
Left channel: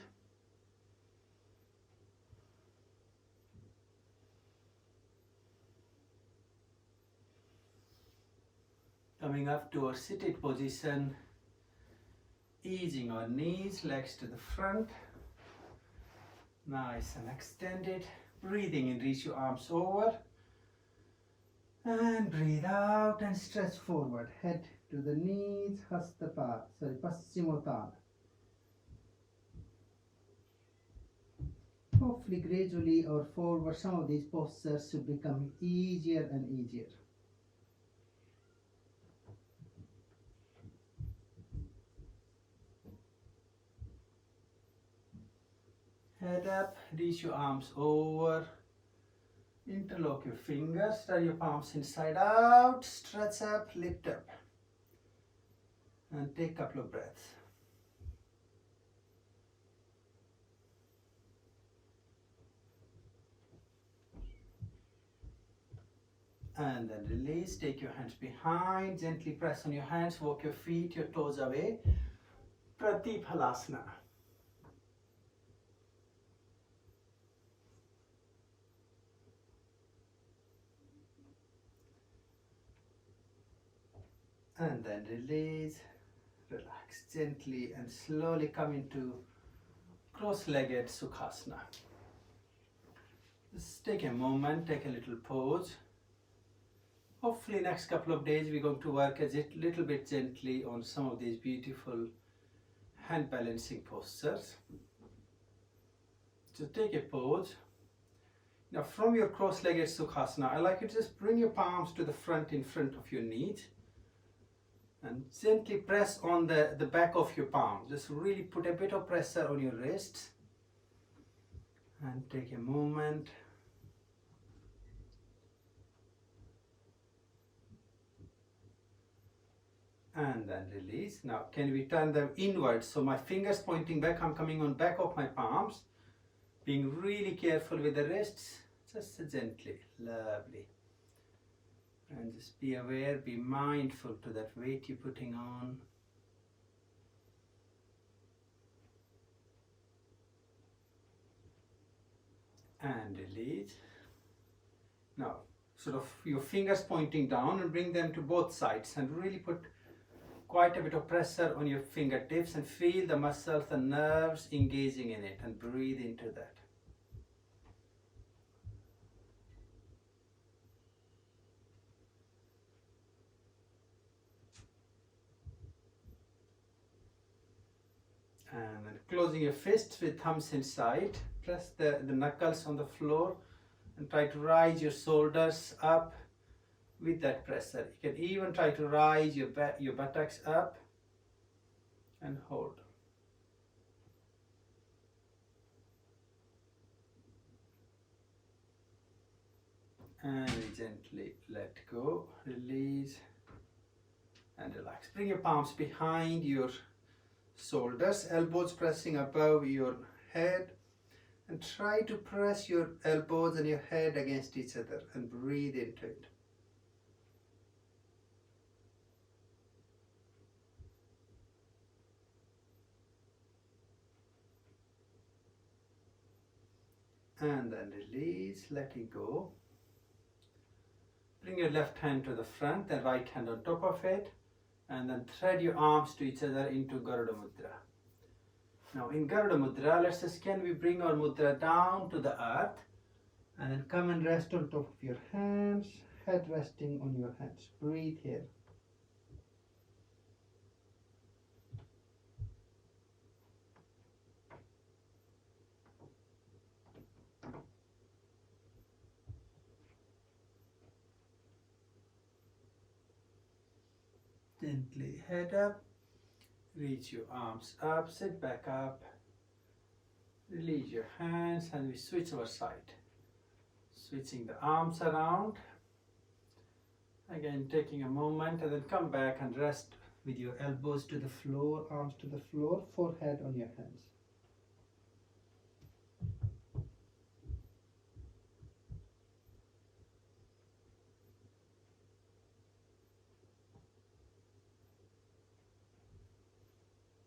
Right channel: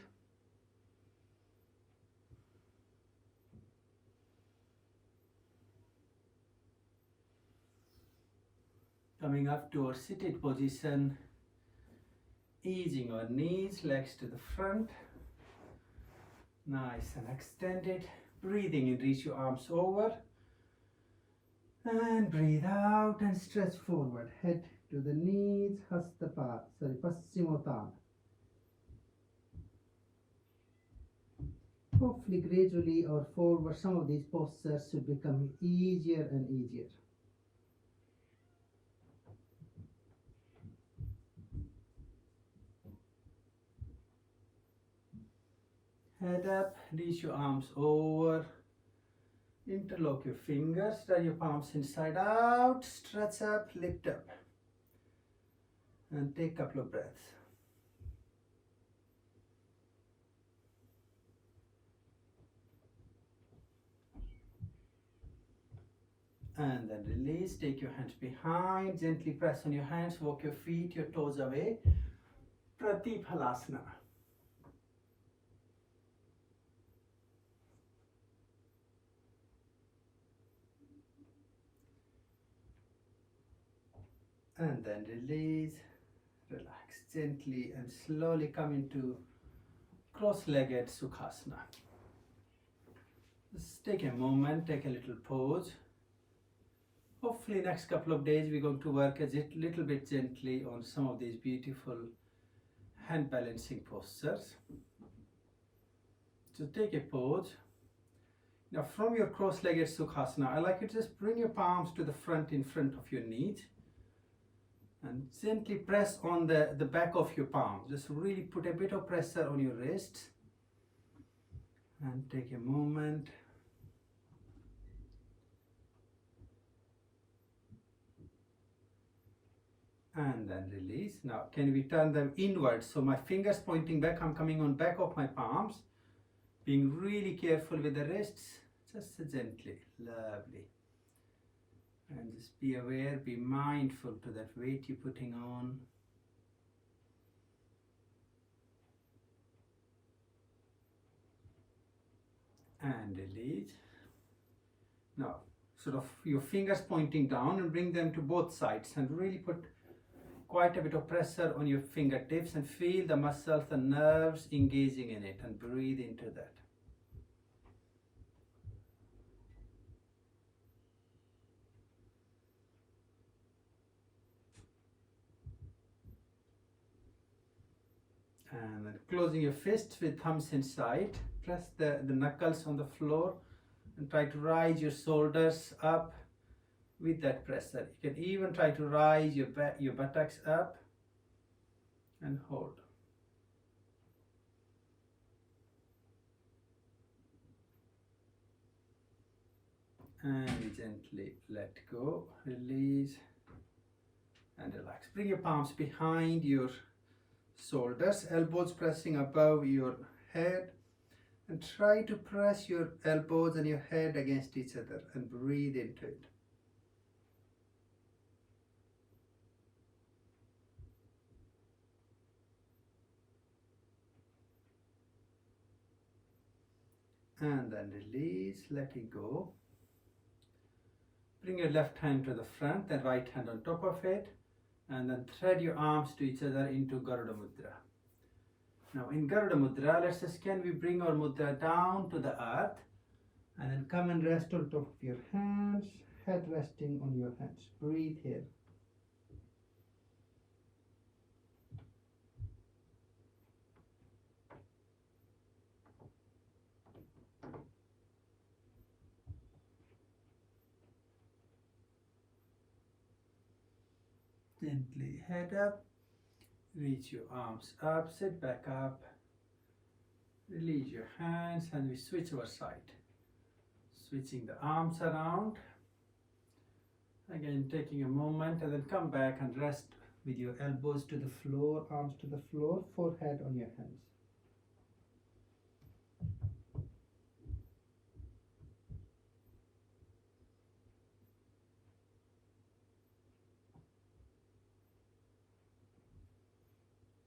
Coming up to our seated position, easing our knees, legs to the front. Nice and extended. Breathing in, reach your arms over. And breathe out and stretch forward. Head to the knees, Paschimottanasana. Hopefully gradually or forward, some of these postures should become easier and easier. Head up, reach your arms over. Interlock your fingers, turn your palms inside out, stretch up, lift up. And take a couple of breaths. And then release, take your hands behind, gently press on your hands, walk your feet, your toes away. Pratiphalasana. And then release, relax gently and slowly come into cross-legged Sukhasana. Just take a moment, take a little pause. Hopefully next couple of days we're going to work a little bit gently on some of these beautiful hand balancing postures. So take a pause. Now from your cross-legged Sukhasana, I like you to just bring your palms to the front in front of your knees and gently press on the back of your palm. Just really put a bit of pressure on your wrists and take a moment. And then release. Now can we turn them inwards? So my fingers pointing back, I'm coming on back of my palms, being really careful with the wrists, just gently, lovely. And just be aware, be mindful to that weight you're putting on. And release. Now, sort of your fingers pointing down and bring them to both sides and really put quite a bit of pressure on your fingertips and feel the muscles and nerves engaging in it and breathe into that. And then closing your fists with thumbs inside, press the knuckles on the floor and try to rise your shoulders up with that pressure. You can even try to rise your buttocks up and hold. And we gently let go, release and relax. Bring your palms behind your shoulders, elbows pressing above your head, and try to press your elbows and your head against each other and breathe into it. And then release, letting go. Bring your left hand to the front, then right hand on top of it, and then thread your arms to each other into Garuda Mudra. Now in Garuda Mudra, let's just, can we bring our mudra down to the earth and then come and rest on top of your hands, head resting on your hands. Breathe here. Gently head up, reach your arms up, sit back up, release your hands, and we switch our side. Switching the arms around, again taking a moment, and then come back and rest with your elbows to the floor, arms to the floor, forehead on your hands.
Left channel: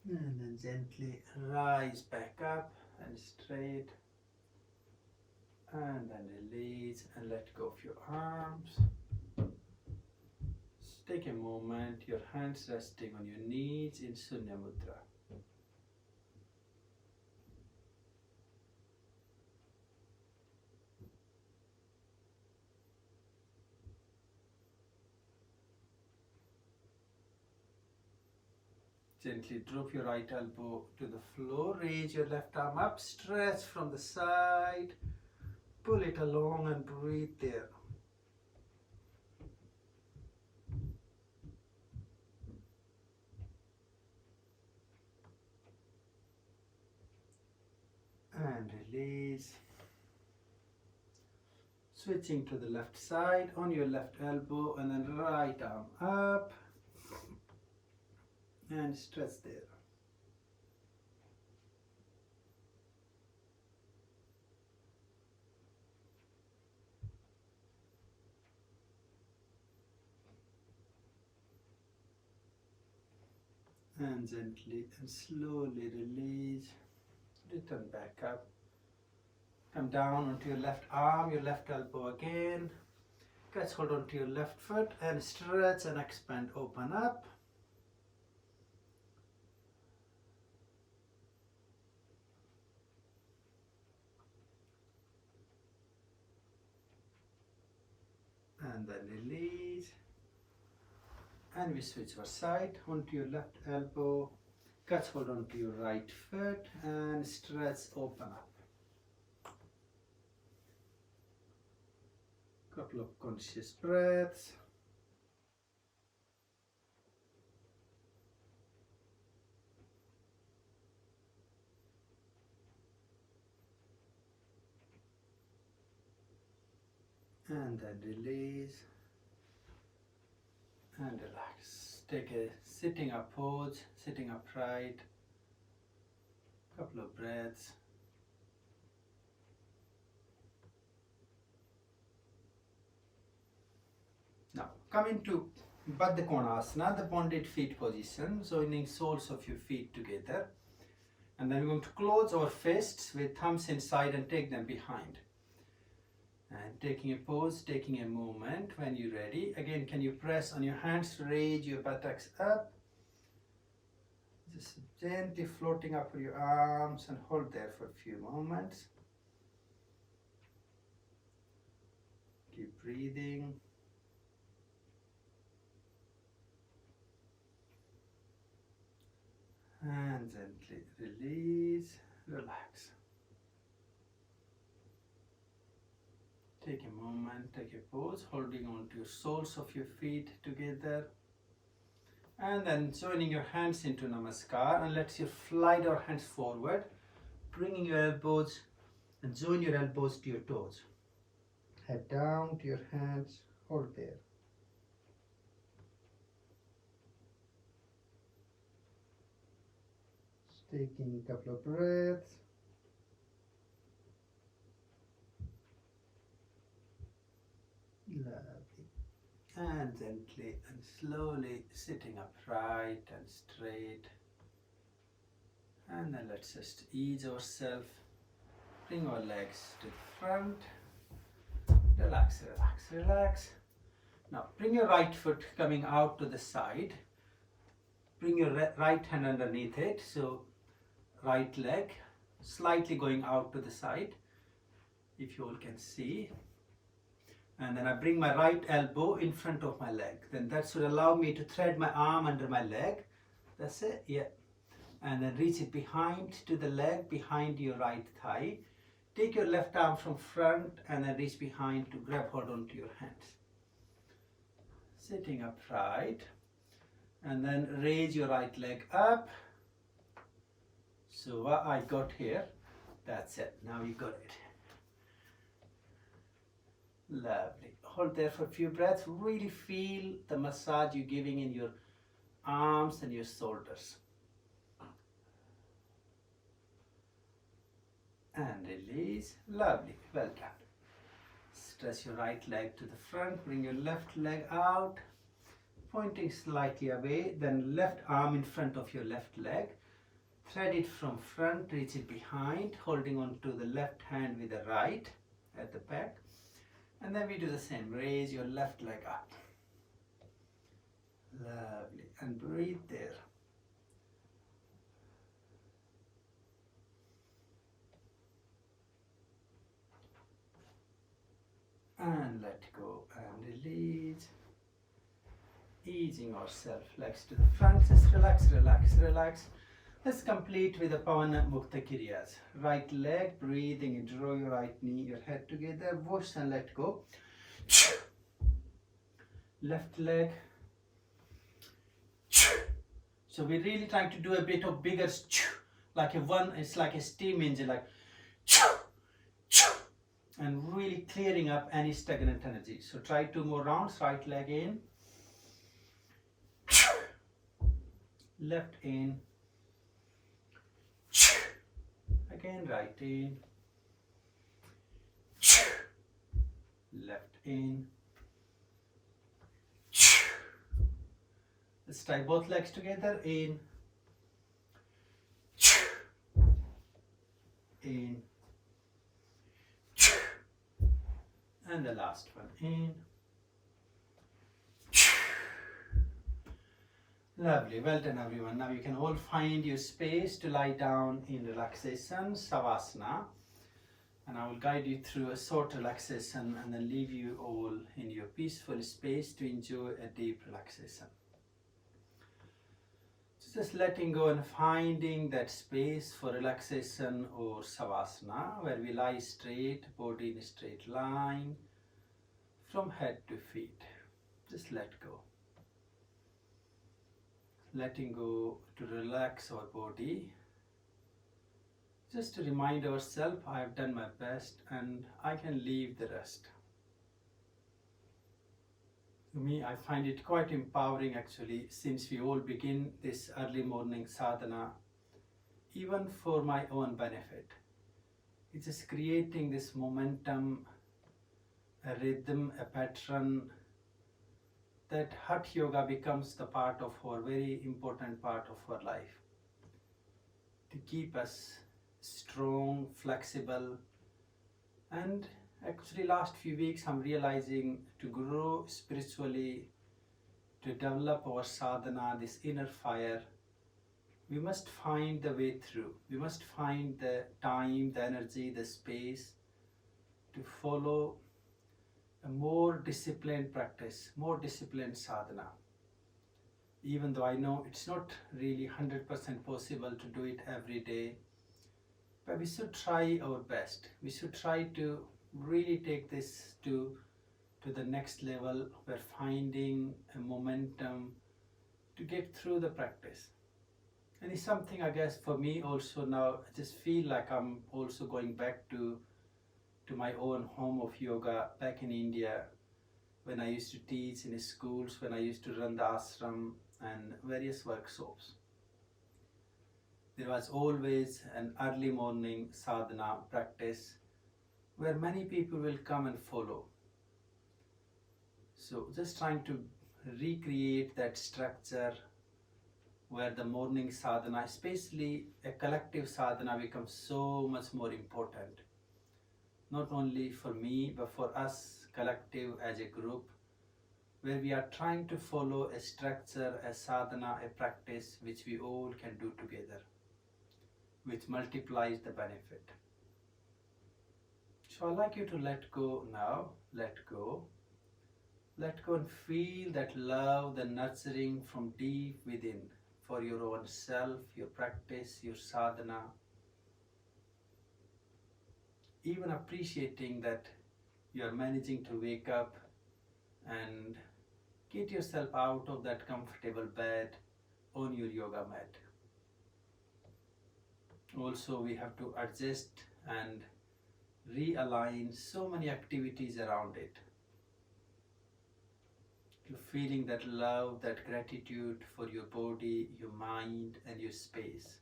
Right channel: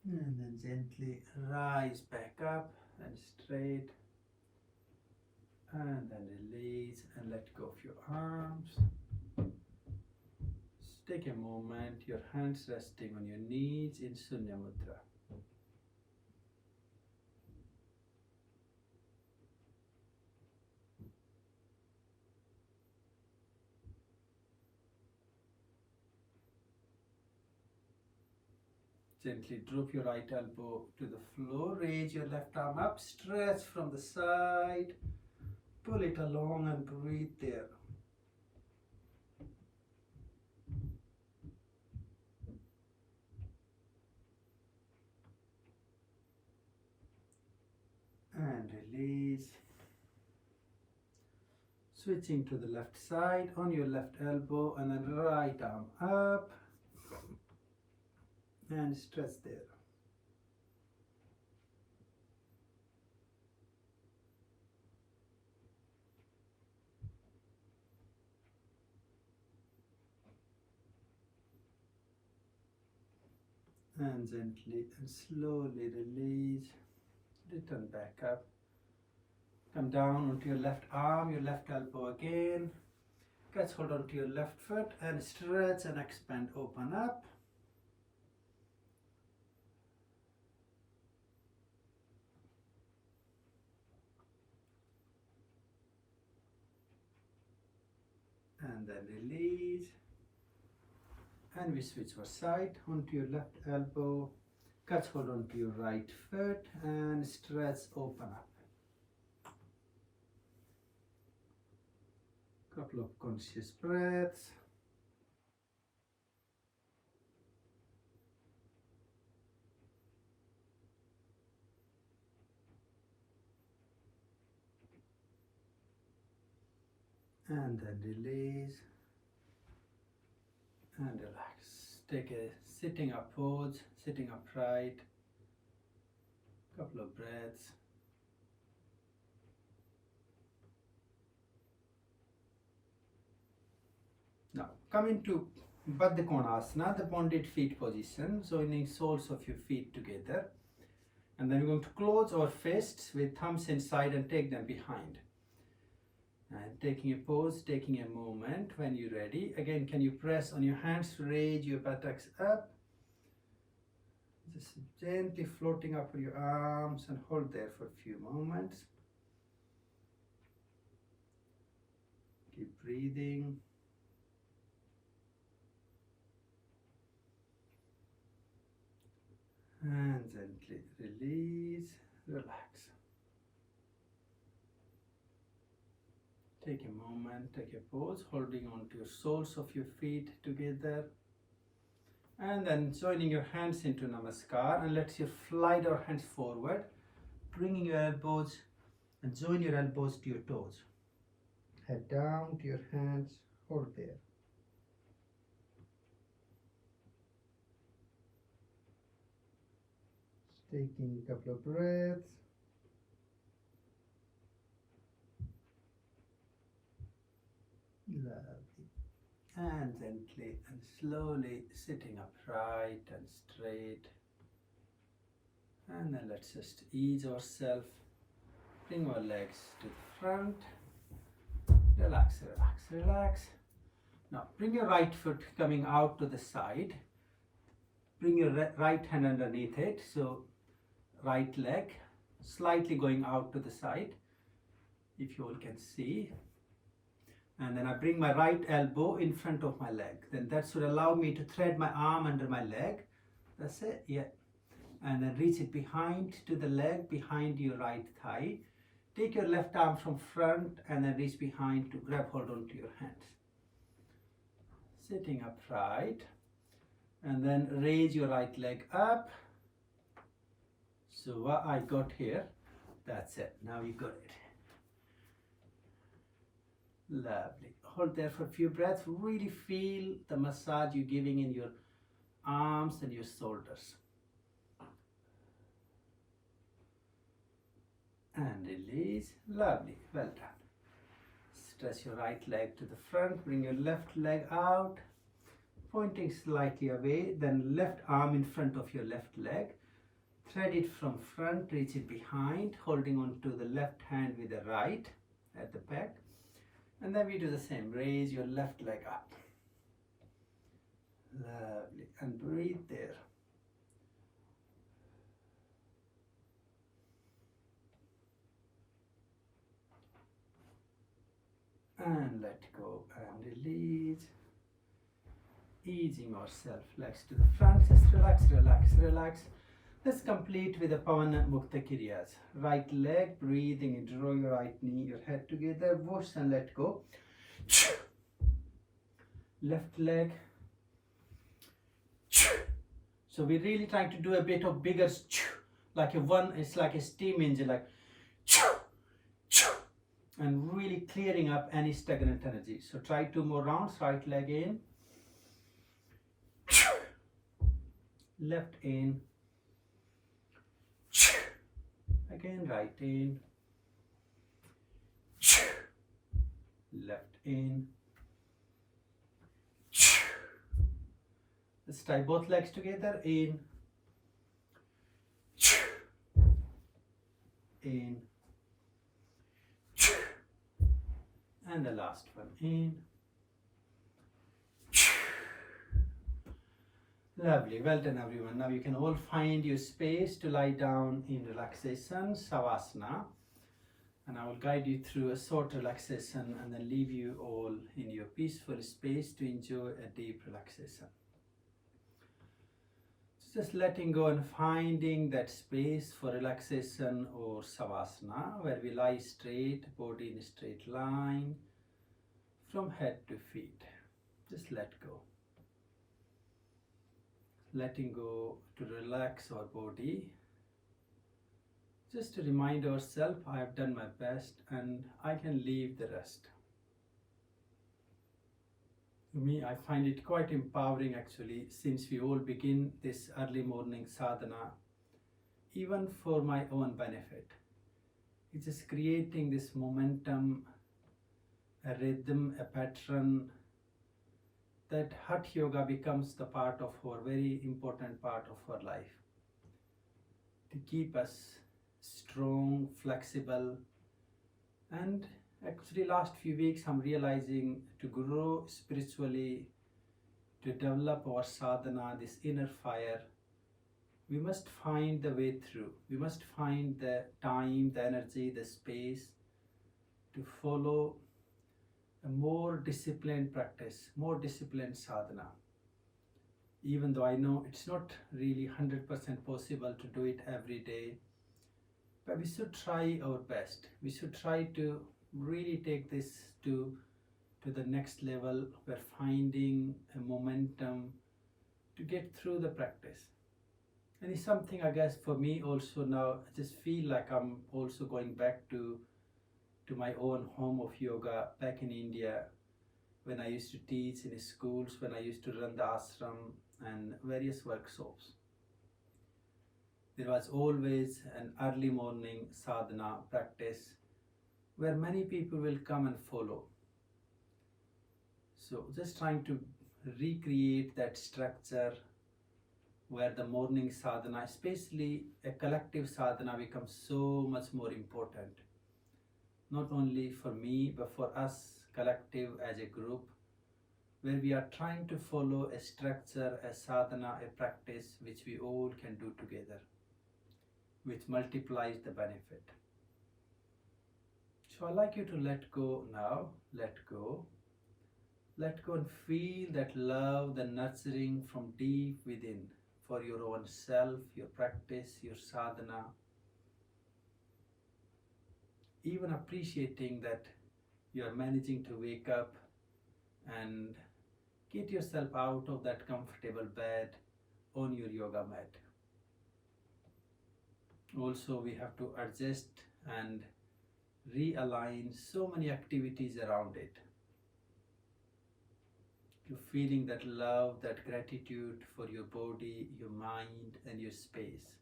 And then gently rise back up and straight, and then release and let go of your arms. Just take a moment, your hands resting on your knees in Sunya Mudra. Gently drop your right elbow to the floor, raise your left arm up, stretch from the side, pull it along and breathe there. And release. Switching to the left side on your left elbow, and then right arm up and stretch there. And gently and slowly release. Return back up. Come down onto your left arm, your left elbow again. Catch hold onto your left foot and stretch and expand, open up. And then release. And we switch our side onto your left elbow. Catch hold onto your right foot and stretch, open up. Couple of conscious breaths. And then release and relax. Take a sitting up pose, sitting upright. Couple of breaths. Now come into Baddha Konasana, the bonded feet position, joining soles of your feet together. And then we're going to close our fists with thumbs inside and take them behind. And taking a pose, taking a moment. When you're ready, again, can you press on your hands to raise your buttocks up? Just gently floating up with your arms and hold there for a few moments. Keep breathing. And gently release, relax. Take a moment, take a pose, holding on to your soles of your feet together. And then joining your hands into Namaskar, and let's you slide our hands forward, bringing your elbows and join your elbows to your toes. Head down to your hands, hold there. Taking a couple of breaths. Lovely. And gently and slowly sitting upright and straight. And then let's just ease ourselves. Bring our legs to the front. Relax, relax, relax. Now bring your right foot coming out to the side. Bring your right hand underneath it. So right leg slightly going out to the side, if you all can see. And then I bring my right elbow in front of my leg. Then that should allow me to thread my arm under my leg. That's it, yeah. And then reach it behind to the leg, behind your right thigh. Take your left arm from front and then reach behind to grab hold onto your hands. Sitting upright. And then raise your right leg up. So what I got here, that's it. Now you got it. Lovely. Hold there for a few breaths. Really feel the massage you're giving in your arms and your shoulders. And release. Lovely. Well done. Stretch your right leg to the front. Bring your left leg out, pointing slightly away. Then left arm in front of your left leg. Thread it from front, reach it behind, holding on to the left hand with the right at the back. And then we do the same. Raise your left leg up. Lovely. And breathe there. And let go and release. Easing ourselves, legs to the front. Just relax, relax, relax. Let's complete with the Pavana Mukta Kiryas. Right leg, breathing in, draw your right knee, your head together, whoosh and let go. Left leg. So we're really trying to do a bit of bigger, like a one, it's like a steam engine, like, and really clearing up any stagnant energy. So try 2 more rounds, right leg in, left in, again right in, left in. Let's tie both legs together, in, in, and the last one, in. Lovely, well done everyone. Now you can all find your space to lie down in relaxation, Savasana. And I will guide you through a short relaxation and then leave you all in your peaceful space to enjoy a deep relaxation. So just letting go and finding that space for relaxation or Savasana, where we lie straight, body in a straight line from head to feet. Just let go. Letting go to relax our body. Just to remind ourselves, I have done my best and I can leave the rest. To me, I find it quite empowering actually, since we all begin this early morning sadhana, even for my own benefit. It's just creating this momentum, a rhythm, a pattern, that Hatha Yoga becomes the part of our very important part of our life. To keep us strong, flexible, and actually last few weeks I'm realizing to grow spiritually, to develop our sadhana, this inner fire, we must find the way through. We must find the time, the energy, the space to follow a more disciplined practice, more disciplined sadhana. Even though I know it's not really 100% possible to do it every day, but we should try our best. We should try to really take this to the next level. We're finding a momentum to get through the practice. And it's something, I guess, for me also now, I just feel like I'm also going back to my own home of yoga back in India, when I used to teach in schools, when I used to run the ashram and various workshops. There was always an early morning sadhana practice where many people will come and follow. So just trying to recreate that structure where the morning sadhana, especially a collective sadhana, becomes so much more important. Not only for me, but for us collective as a group, where we are trying to follow a structure, a sadhana, a practice which we all can do together, which multiplies the benefit. So I'd like you to let go now, let go. Let go and feel that love, the nurturing from deep within for your own self, your practice, your sadhana. Even appreciating that you are managing to wake up and Get yourself out of that comfortable bed on your yoga mat. Also, we have to adjust and realign so many activities around it. You're feeling that love, that gratitude for your body, your mind, and your space.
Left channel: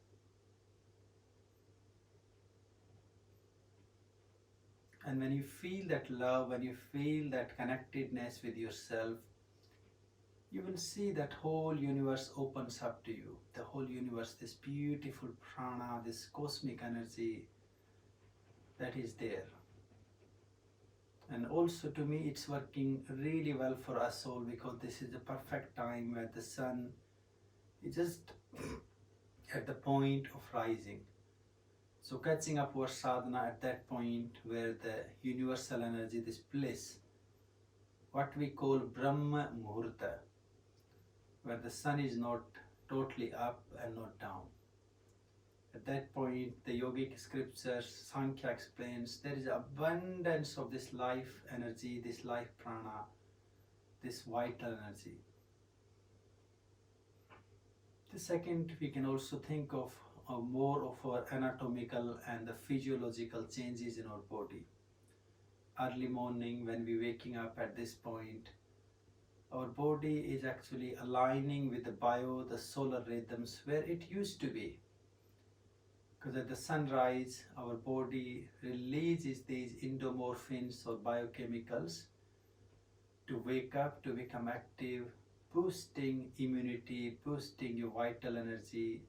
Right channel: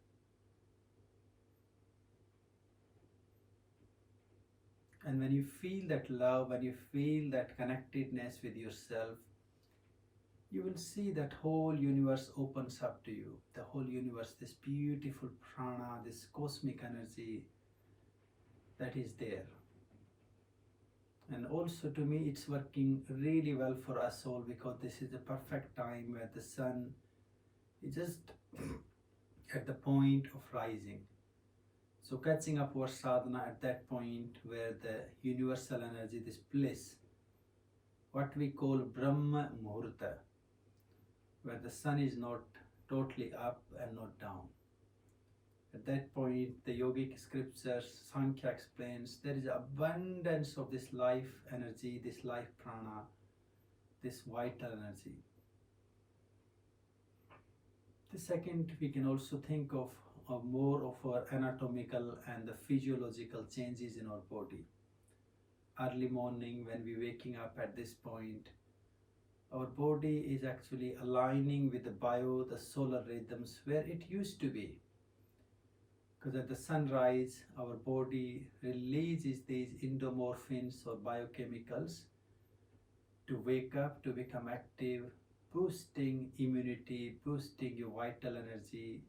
And when you feel that love, when you feel that connectedness with yourself, you will see that whole universe opens up to you. The whole universe, this beautiful prana, this cosmic energy that is there. And also to me, it's working really well for us all because this is the perfect time where the sun is just at the point of rising. So catching up our sadhana at that point where the universal energy, this bliss, what we call Brahma Muhurta, where the sun is not totally up and not down. At that point, the yogic scriptures, Sankhya explains, there is abundance of this life energy, this life prana, this vital energy. The second, we can also think of more of our anatomical and the physiological changes in our body. Early morning, when we're waking up at this point, our body is actually aligning with the solar rhythms where it used to be. Because at the sunrise, our body releases these endomorphins or biochemicals to wake up, to become active, boosting immunity, boosting your vital energy,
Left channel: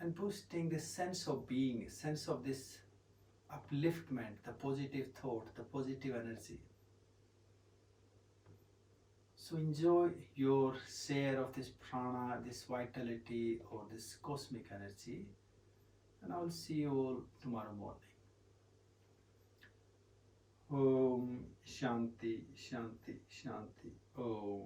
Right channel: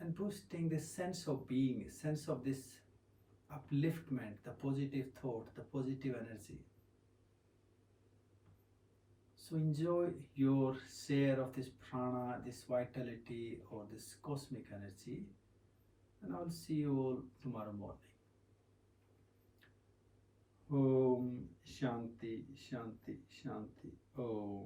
and boosting this sense of being, sense of this upliftment, the positive thought, the positive energy. So enjoy your share of this prana, this vitality, or this cosmic energy. And I will see you all tomorrow morning. Om Shanti, Shanti, Shanti. Om.